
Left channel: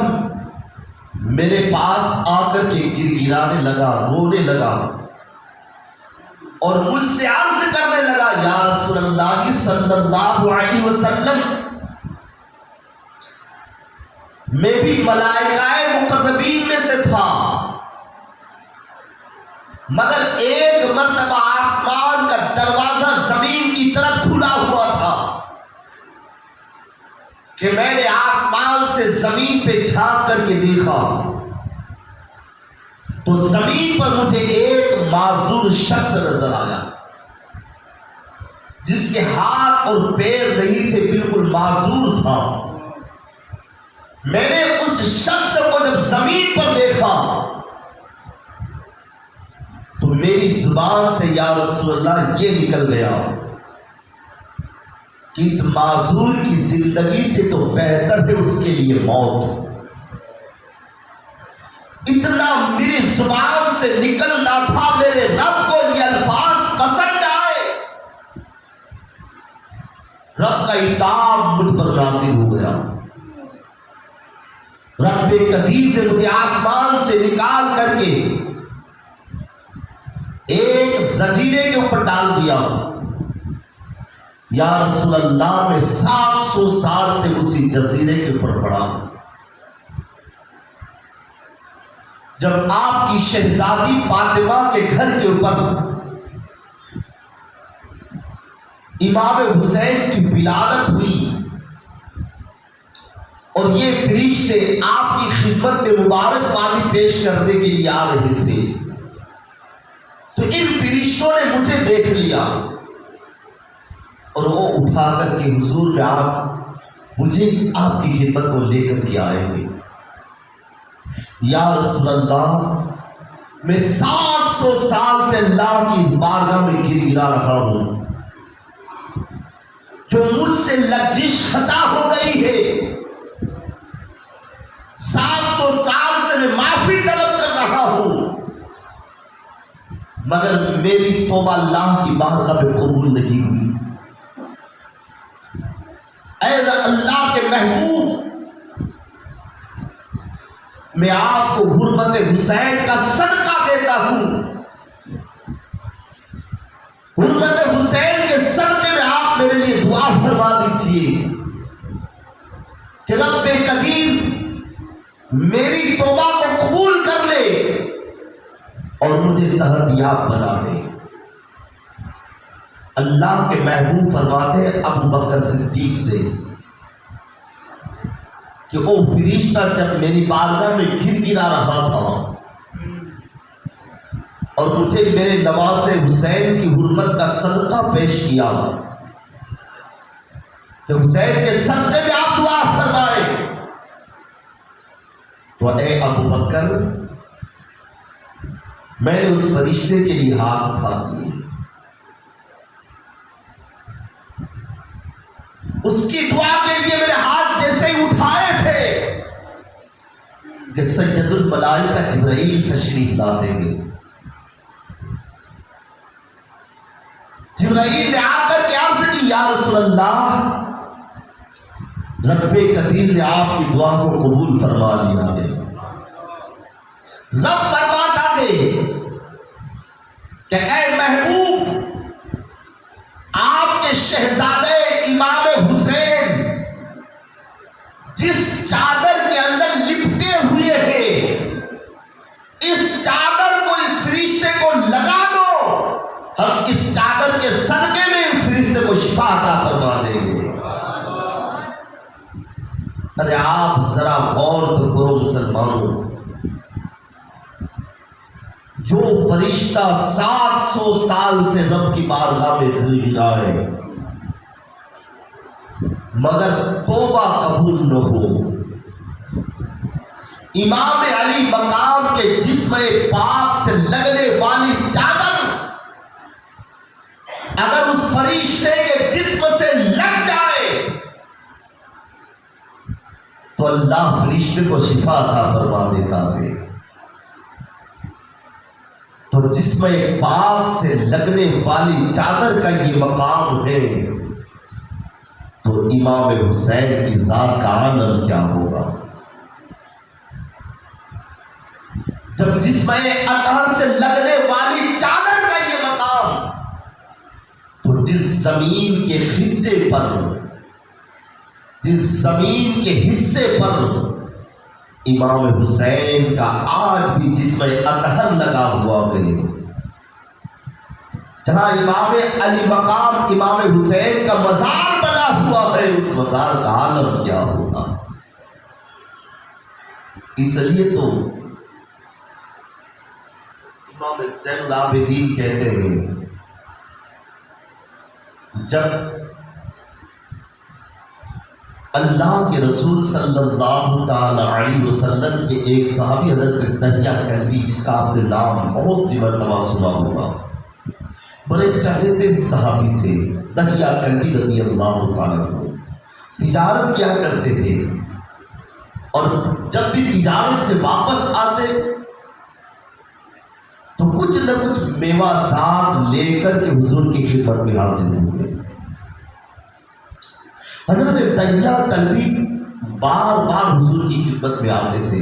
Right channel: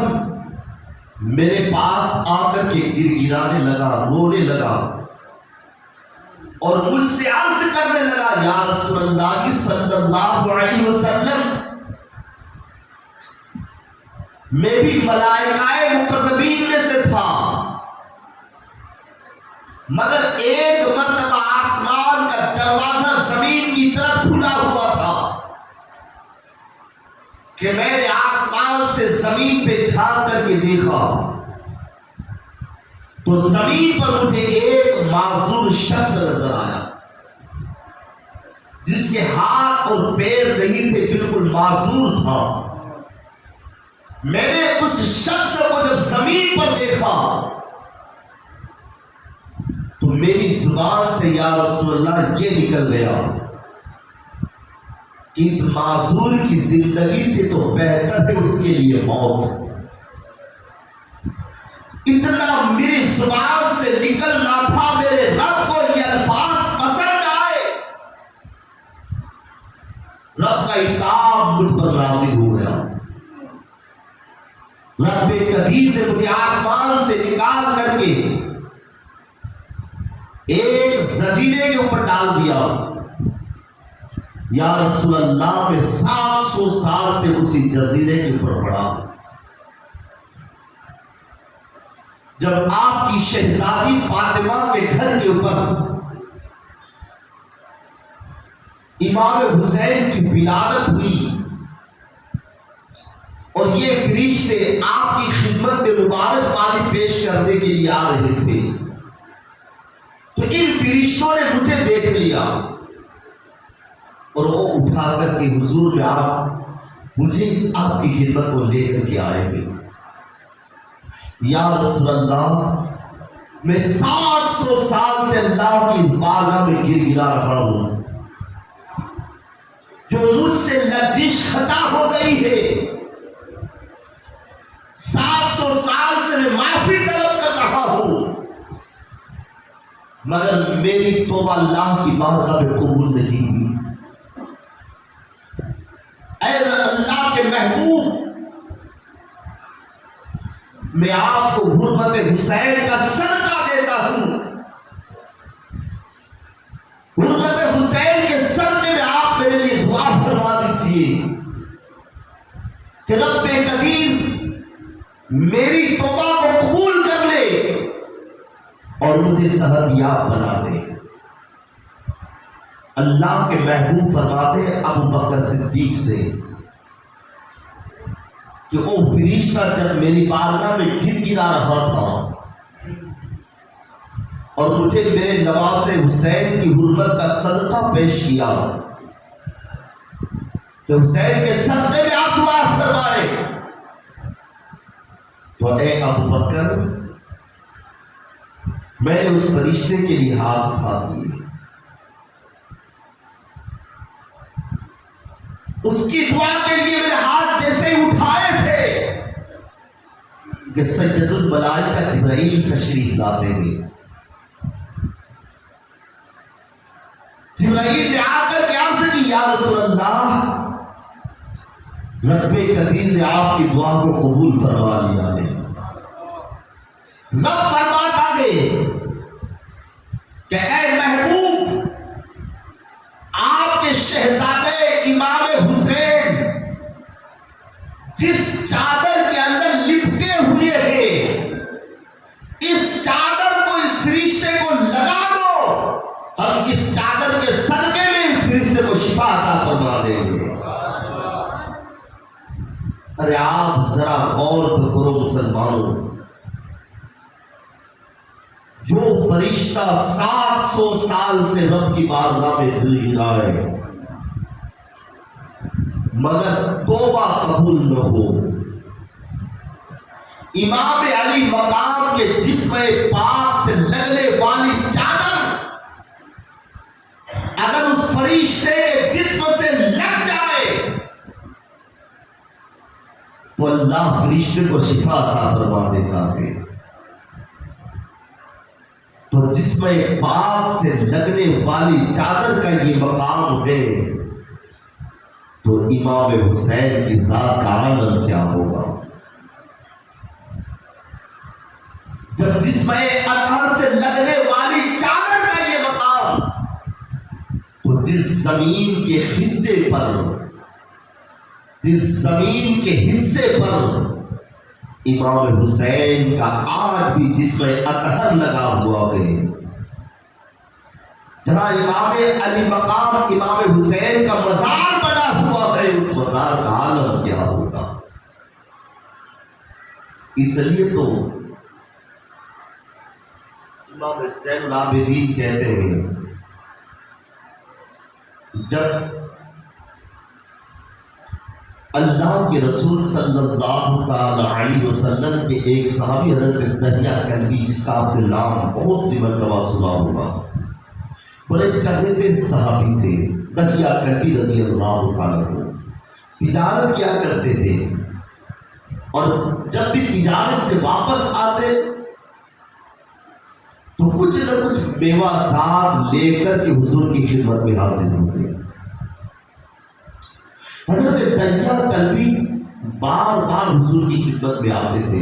میرے پاس آ کر کے گڑگڑانے لگا، رونے لگا، اور مجھ سے عرض کرنے لگا، یا رسول اللہ صلی اللہ علیہ وسلم، میں بھی ملائکہ مقربین میں سے تھا، مگر ایک مرتبہ آسمان کا دروازہ زمین کی طرف کھلا ہوا تھا کہ میں نے آسمان سے زمین پہ جھانک کر کے دیکھا تو زمین پر مجھے ایک معذور شخص نظر آیا جس کے ہاتھ اور پیر نہیں تھے، بالکل معذور تھا۔ میں نے اس شخص کو جب زمین پر دیکھا تو میری زبان سے یا رسول اللہ یہ نکل گیا کہ اس معذور کی زندگی سے تو بہتر ہے اس کے لیے موت۔ اتنا میری زبان سے نکلنا تھا، میرے رب کو یہ الفاظ قدیر نے مجھے آسمان سے نکال کر کے ایک زنجیرے کے اوپر ڈال دیا. یا رسول اللہ میں 700 سال سے اسی جزیرے کے اوپر پڑا. جب آپ کی شہزادی فاطمہ کے گھر کے اوپر امام حسین کی ولادت ہوئی اور یہ فرشتے آپ کی خدمت میں مبارکبادی پیش کرنے کے لیے آ رہے تھے، تو ان فرشتوں نے مجھے دیکھ لیا اور وہ اٹھا کر کے حضور میں آپ مجھے آپ کی خدمت کو لے کر کے آئے ہوئے. یا رسول اللہ میں 700 سال سے اللہ کی بارگاہ میں گر گرا رہا ہوں، جو مجھ سے لغزش خطا ہو گئی ہے 700 سال سے میں معافی طلب کر رہا ہوں، مگر میری توبہ اللہ کی بارگاہ میں قبول نہیں ہوئی. اے اللہ کے محبوب، میں آپ کو حرمت حسین کا صدقہ دیتا ہوں. حرمت حسین کے صدقے میں آپ میرے لیے دعا فرما دیجیے کہ رب قدیر میری توبہ کو قبول کر لے اور مجھے صحتیاب بنا دے. اللہ کے محبوب فرماتے ہیں ابو بکر صدیق سے کہ وہ فرشتہ جب میری بارگاہ میں گر گرا رہا تھا اور مجھے میرے نواز حسین کی حرمت کا صدقہ پیش کیا کہ حسین کے صدقے میں آپ دعا فرمائیں، تو اے ابو بکر میں نے اس فرشتے کے لیے ہاتھ اٹھا دیے، اس کی دعا کے لیے میرے ہاتھ جیسے ہی اٹھائے تھے کہ سید الملائکہ جبرائیل تشریف لاتے ہیں. جبرائیل نے آ کر کے عرض کی یا رسول اللہ رب قدیر نے آپ کی دعا کو قبول فرما لیا ہے. رب فرماتا ہے کہ اے محبوب آپ کے شہزادے امام حسین جس چادر کے اندر لپٹے ہوئے ہیں اس چادر کو اس فرشتے کو لگا دو، ہم اس چادر کے صدقے میں اس فرشتے کو شفا عطا فرما دیں گے. ارے آپ ذرا غور تو کرو مسلمانوں، جو فرشتہ 700 سال سے رب کی بارگاہ میں گڑگڑائے مگر توبہ قبول نہ ہو، امام علی مقام کے جسم پاک سے لگنے والی چادر اگر اس فرشتے کے جسم سے لگ جائے تو اللہ فرشتے کو شفا عطا فرما دیتا ہے. تو جسم پاک سے لگنے والی چادر کا یہ مقام ہے، تو امام حسین کی ذات کا عالم کیا ہوگا. جب جسم اطہر سے لگنے والی چادر کا یہ مقام، تو جس زمین کے خطے پر، جس زمین کے حصے پر امام حسین کا آج بھی جسم اطہر لگا ہوا ہے، جہاں امام علی مقام امام حسین کا مزار بنا ہوا ہے، اس مزار کا عالم کیا ہوگا. اس لیے تو امام زین العابدین کہتے ہیں جب اللہ کے رسول صلی اللہ تعالی علیہ وسلم کے ایک صحابی حضرت دہیا کلبی، جس کا آپ نے نام بہت سی مرتبہ سنا ہوگا، بڑے چہرے صحابی تھے، دہیا کلبی رضی اللہ تعالیٰ عنہ، تجارت کیا کرتے تھے اور جب بھی تجارت سے واپس آتے تو کچھ نہ کچھ میوہ زاد لے کر کے حضور کی خدمت میں حاضر ہوتے. حضرت دہیا کلبی بار بار حضور کی خدمت میں آتے تھے۔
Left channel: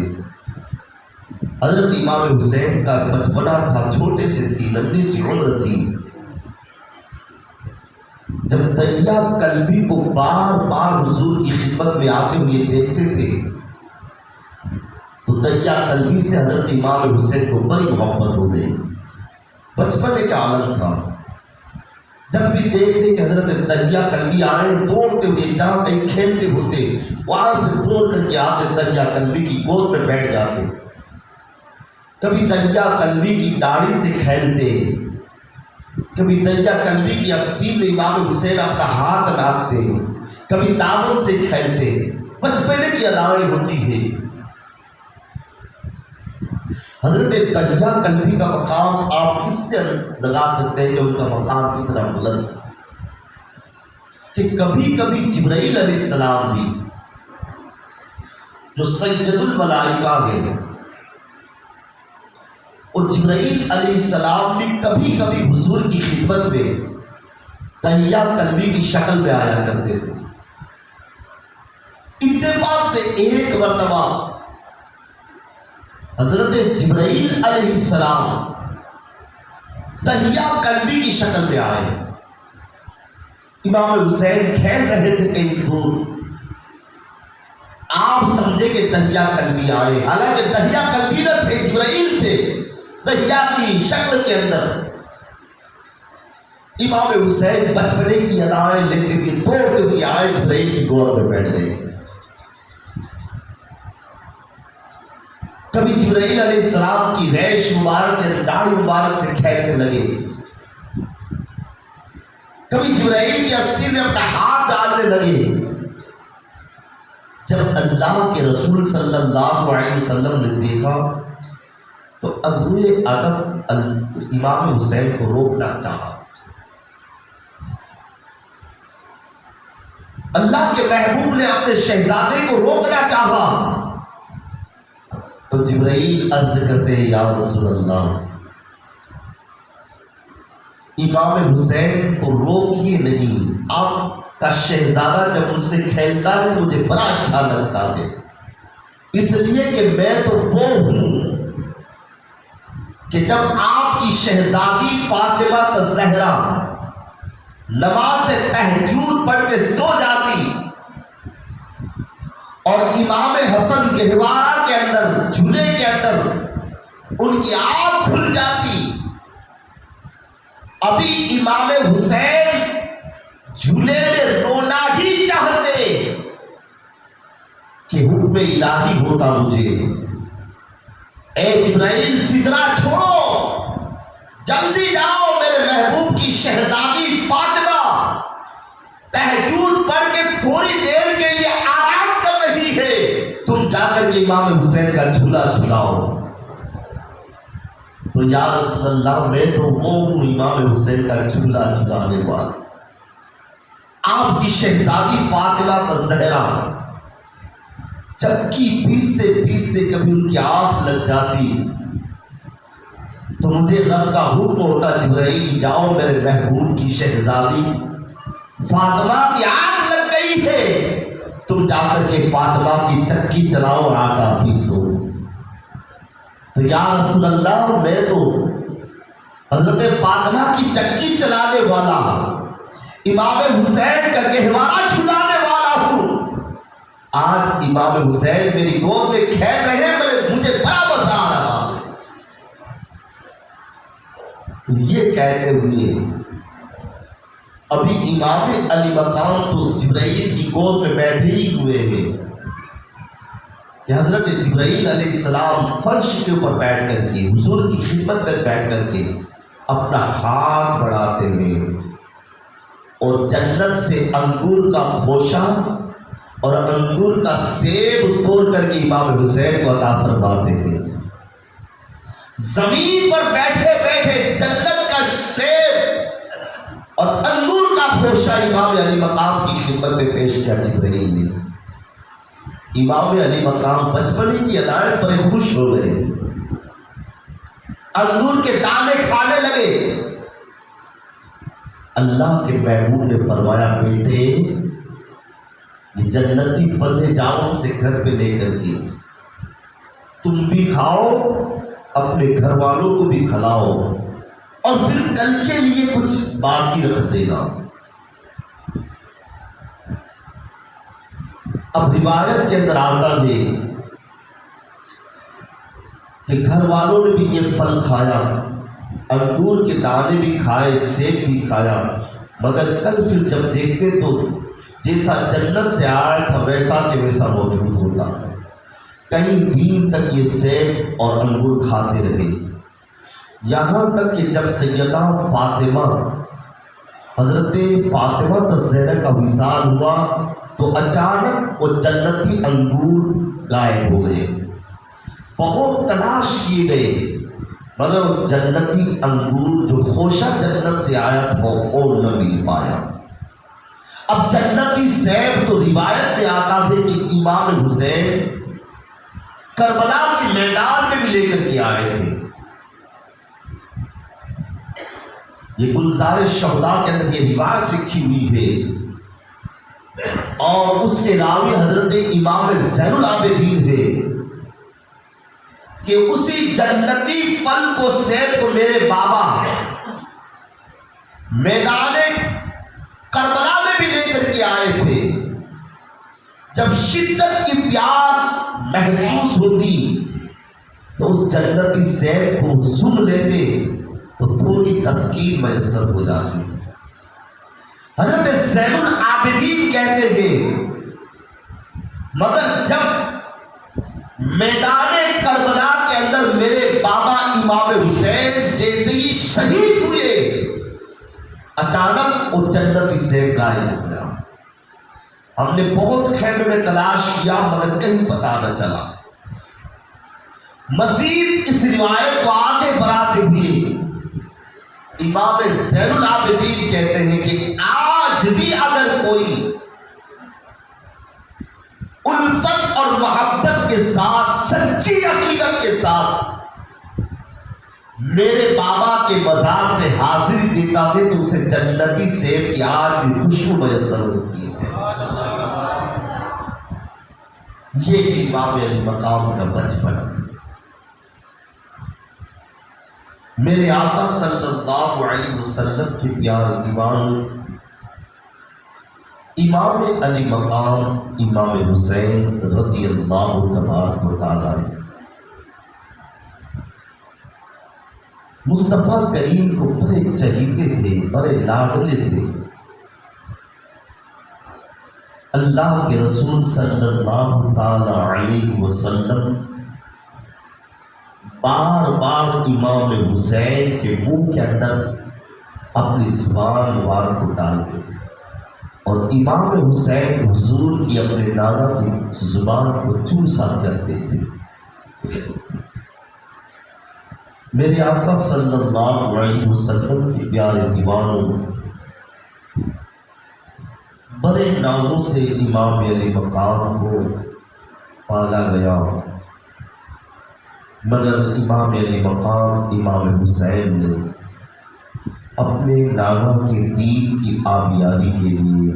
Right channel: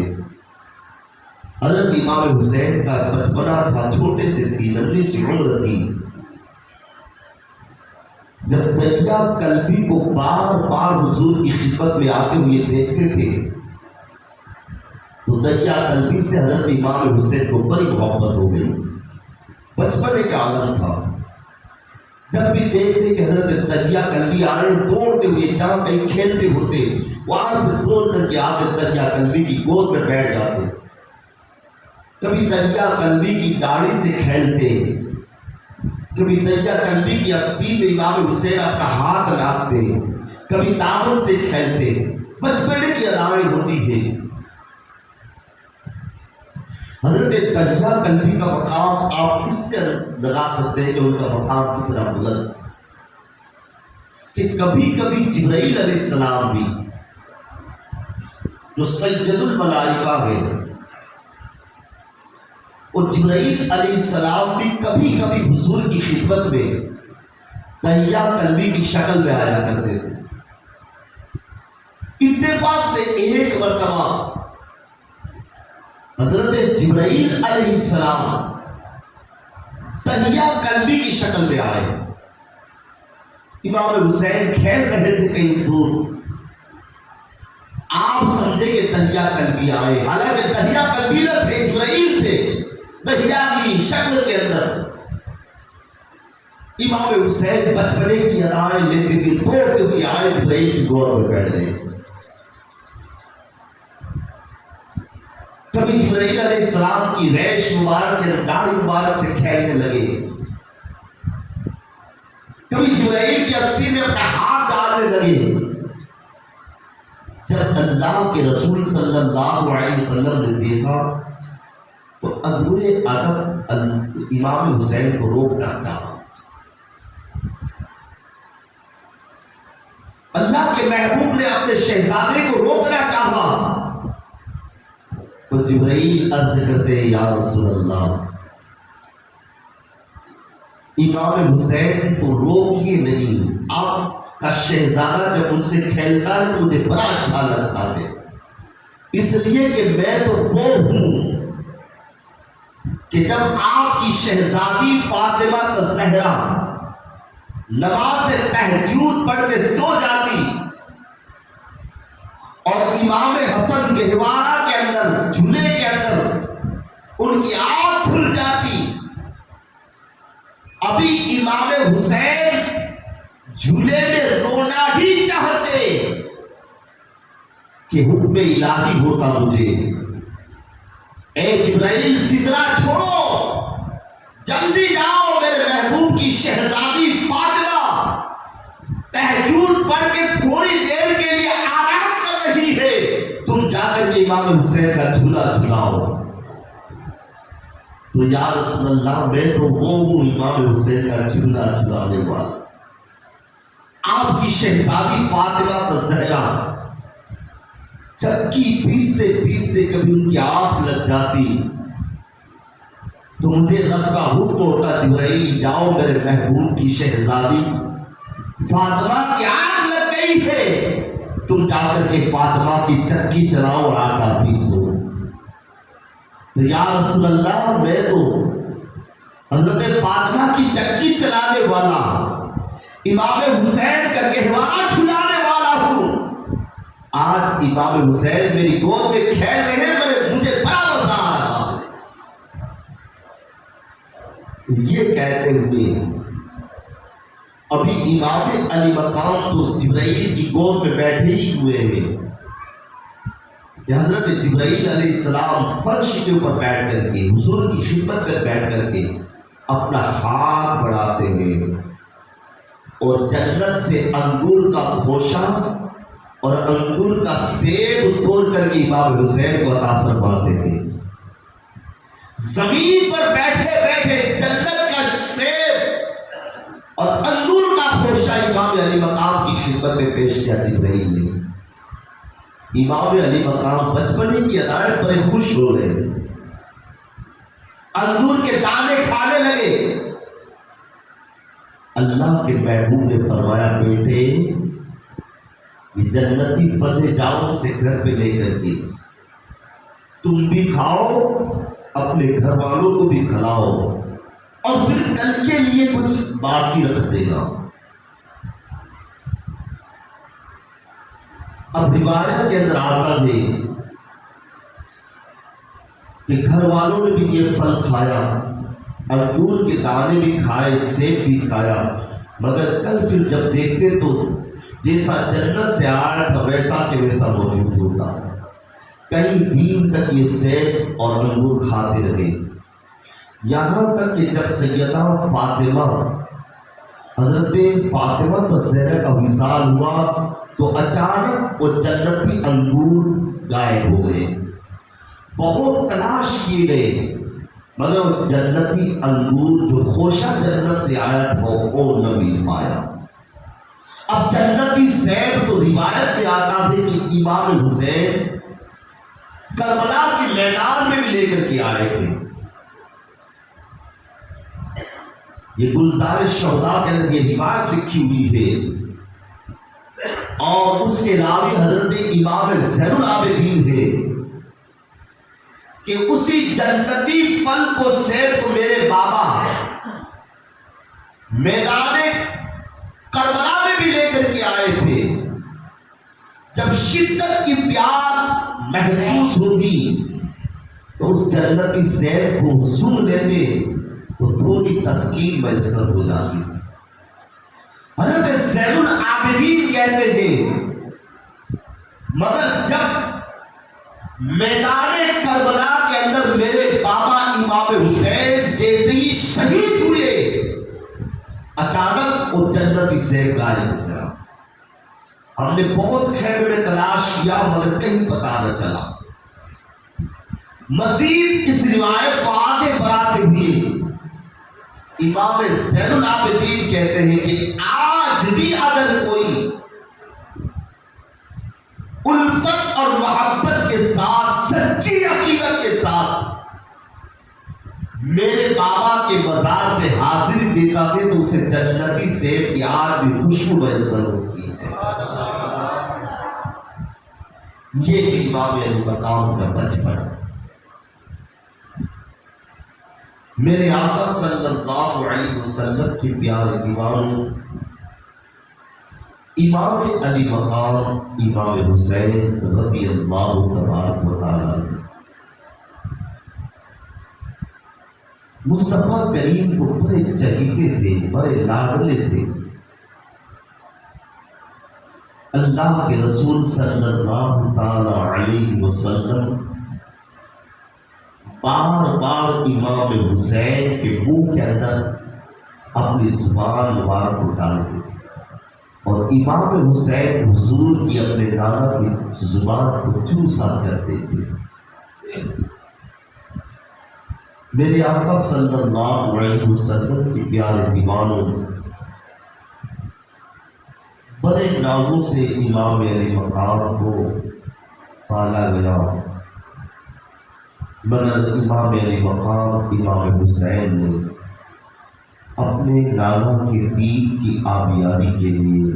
حضرت امام حسین کا بچپنا تھا، چھوٹے سے تھی، ننھی سی عمر تھی، جب دریا کلبی کو بار بار حضور کی خدمت میں آتے ہوئے دیکھتے تھے تو دریا کلبی سے حضرت امام حسین کو بڑی محبت ہو گئی۔ بچپنے کا عالم تھا، جب بھی دیکھتے کہ حضرت دریا کلبی آئے دوڑتے ہوئے، جہاں کہیں کھیلتے ہوتے وہاں سے دوڑ کر کے آتے دریا کلبی کی گود میں بیٹھ جاتے، کبھی دریا کلبی کی داڑھی سے کھیلتے، کبھی دریا کلبی کی آستین میں امام حسین اپنا ہاتھ لاتے، کبھی دامن سے کھیلتے۔ بچپنے کی ادائیں ہوتی ہیں۔ حضرت دریا کلبی کا مقام آپ اس سے لگا سکتے ہیں کہ ان کا مقام کتنا بلند، کہ کبھی کبھی جبرائیل علیہ السلام بھی جو سید الملائکہ ہیں، اور جبرائیل علیہ السلام بھی کبھی کبھی حضور کی خدمت میں دریا کلبی کی شکل میں آیا کرتے تھے۔ اتفاق سے ایک مرتبہ حضرت جبرائیل علیہ السلام دریا کلبی کی شکل میں آئے۔ امام حسین کھیل رہے تھے کہیں دور، آپ سمجھے کہ دریا کلبی آئے، حالانکہ دریا کلبی نہ تھے، جبرائیل تھے دریا کی شکل کے اندر۔ امام حسین بچپنے کی ادائیں لیتے ہوئے دوڑتے ہوئے آئے، جبرائیل کی گود میں بیٹھ گئے۔ کبھی جبرائیل علیہ السلام کی ریش مبارک یا داڑھی مبارک سے کھیلنے لگے، کبھی جبرائیل کی آستین میں اپنا ہاتھ ڈالنے لگے۔ جب اللہ کے رسول صلی اللہ علیہ وسلم نے دیکھا تو عزم ادب امام حسین کو روکنا چاہا۔ اللہ کے محبوب نے اپنے شہزادے کو روکنا چاہا تو جبرائیل عرض کرتے ہیں یا رسول اللہ، امام حسین کو روکیے نہیں، آپ کا شہزادہ جب مجھ سے کھیلتا ہے تو مجھے بڑا اچھا لگتا ہے، اس لیے کہ میں تو وہ ہوں کہ جب آپ کی شہزادی فاطمہ الزہرا نماز تہجد پڑھ کے سو جاتی اور امام حسن گہوارہ کے اندر جھولے کے اندر ان کی آنکھ کھل جاتی، ابھی امام حسین جھولے میں رونا ہی چاہتے کہ حکم الہی ہوتا مجھے، اے جبرائیل سدرہ چھوڑو، جلدی جاؤ، میرے محبوب کی شہزادی فاطمہ تہجد پڑھ کے تھوڑی دیر کے لیے آرام کر رہی ہے، تم جا کر کے امام حسین کا جھولا جھلاؤ۔ تو یا رسول اللہ، میں تو وہ ہوں امام حسین کا جھولا جھلانے والا۔ آپ کی شہزادی فاطمہ الزہرا چکی پیستے پیستے کبھی ان کی آنکھ لگ جاتی تو مجھے رب کا حکم ہوتا، جبرائیل جاؤ، میرے محبوب کی شہزادی فاطمہ کی آنکھ لگ گئی ہے، تم جا کر کے فاطمہ کی چکی چلاؤ اور آٹا پیسو۔ تو یا رسول اللہ، میں تو حضرت فاطمہ کی چکی چلانے والا، امام حسین کا گہوارہ چھلانے والا ہوں، آج امام حسین میری گود میں کھیل رہے ہیں، مجھے بڑا مزہ آ رہا ہے۔ یہ کہتے ہوئے ابھی امام علی مقام تو جبرائیل کی گود میں بیٹھے ہی ہوئے ہیں کہ حضرت جبرائیل علیہ السلام فرش کے اوپر بیٹھ کر کے حضور کی خدمت میں بیٹھ کر کے اپنا ہاتھ بڑھاتے ہیں اور جنت سے انگور کا خوشہ اور انگور کا سیب توڑ کر کے امام حسین کو عطا فرماتے ہیں۔ زمین پر بیٹھے بیٹھے جنت کا سیب اور انگور کا خوشہ امام علی مقام کی خدمت میں پیش کیا جبرائیل نے۔ امام علی مقام بچپنے کی ادائیں پر خوش ہو گئے، انگور کے دانے کھانے لگے۔ اللہ کے محبوب نے فرمایا، بیٹے یہ یہ جنتی پھل ہے، جاؤ اسے گھر پہ لے کر کے تم بھی کھاؤ، اپنے گھر والوں کو بھی کھلاؤ، اور پھر کل کے لیے کچھ باقی رکھ دے گا۔ اب روایت کے اندر آتا ہے کہ گھر والوں نے بھی یہ پھل کھایا، انگور کے دانے بھی کھائے، سیب بھی کھایا، مگر کل پھر جب دیکھتے تو جیسا جنت سے آیا تھا ویسا کہ ویسا موجود ہوتا۔ کئی دن تک یہ سیب اور انگور کھاتے رہے، یہاں تک کہ جب سیدہ فاطمہ حضرت فاطمہ الزہرا کا وصال ہوا تو اچانک وہ جنتی انگور غائب ہو گئے۔ بہت تلاش کیے گئے مگر وہ جنتی انگور جو خوشہ جنت سے آیا تھا وہ نہ مل پایا۔ اب جنتی سیب تو روایت میں آتا ہے کہ امام حسین کربلا کے میدان میں بھی لے کر کے آئے تھے۔ یہ گلزار شہداء کے اندر یہ روایت لکھی ہوئی ہے، اور اس کے راوی حضرت امام زین العابدین ہے کہ اسی جنتی پھل کو، سیب کو میرے بابا میدان کربلا میں بھی لے کر کے آئے تھے۔ جب شدت کی پیاس محسوس ہوتی تو اس جنتی سیب کو سن لیتے تو تھوڑی تسکین میسر ہو جاتی۔ حضرت زین العابدین کہتے ہیں مگر جب میدان کربلا کے اندر میرے بابا امام حسین جیسے ہی شہید ہوئے، اچانک وہ جنتی سیب غائب ہو گیا۔ ہم نے بہت خیمے میں تلاش کیا مگر کہیں پتہ نہ چلا۔ مزید اس روایت کو آگے بڑھاتے ہوئے امام زین العابدین کہتے ہیں کہ آج بھی اگر کوئی الفت اور محبت کے ساتھ، سچی عقیدت کے ساتھ میرے بابا کے مزار میں حاضری دیتا ہے تو اسے جنتی سیب کی آج بھی خوشبو میسر ہوتی ہے۔ یہ بھی امام علی مقام کا بچپن ہے۔ میرے آقا صلی اللہ علیہ وسلم کے پیارے دیوان امام علی مقام امام حسین رضی اللہ تبارک و تعالی مصطفیٰ کریم کو بڑے چہیتے تھے، بڑے لاڈلے تھے۔ اللہ کے رسول صلی اللہ تعالی علیہ وسلم بار بار امام حسین کے منہ کے اندر اپنی زبان مبارک کو ڈالتے تھے، اور امام حسین حضور کی اپنے نانا کی زبان کو چوسا کرتے تھے۔ میرے آقا صلی اللہ علیہ وسلم کے پیارے دیوانوں، بڑے نازوں سے امام علی مقام کو پالا گیا، مگر امام علی مقام امام حسین نے اپنے نانا کے دین کی آبیاری کے لیے،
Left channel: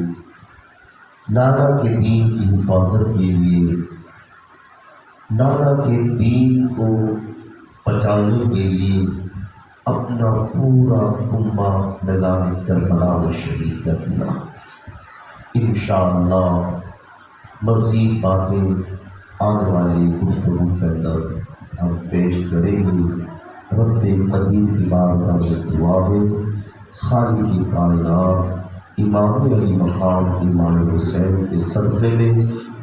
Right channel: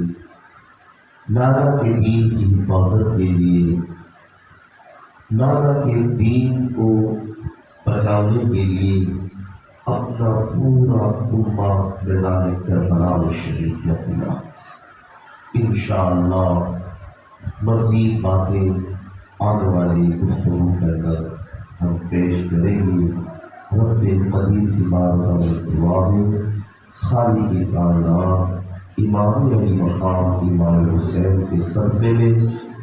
نانا کے دین کی حفاظت کے لیے، نانا کے دین کو بچانے کے لیے اپنا پورا خونہ میدان کربلا میں شہید کر دیا۔ انشاءاللہ مزید باتیں آنے والی گفتگو کے اندر ہم پیش کریں گے۔ رب قدیر کی بارگاہ میں دعا ہے، خالق کی کائنات امام علی مقام امام حسین کے صدقے میں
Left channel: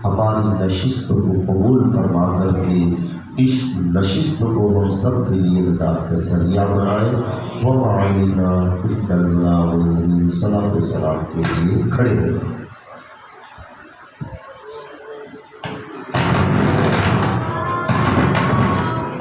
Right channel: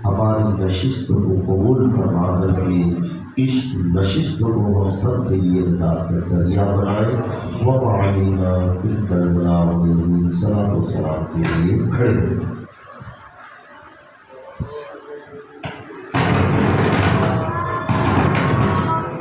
ہماری نشست کو قبول فرما کر کے اس نشست کو ہم سب کے لیے نجات کا ذریعہ بنائے۔ وَمَعَلِنَا فِي الْبَلَاءِ وَالْمُنْ صلاۃ و سلام کے لیے کھڑے ہیں۔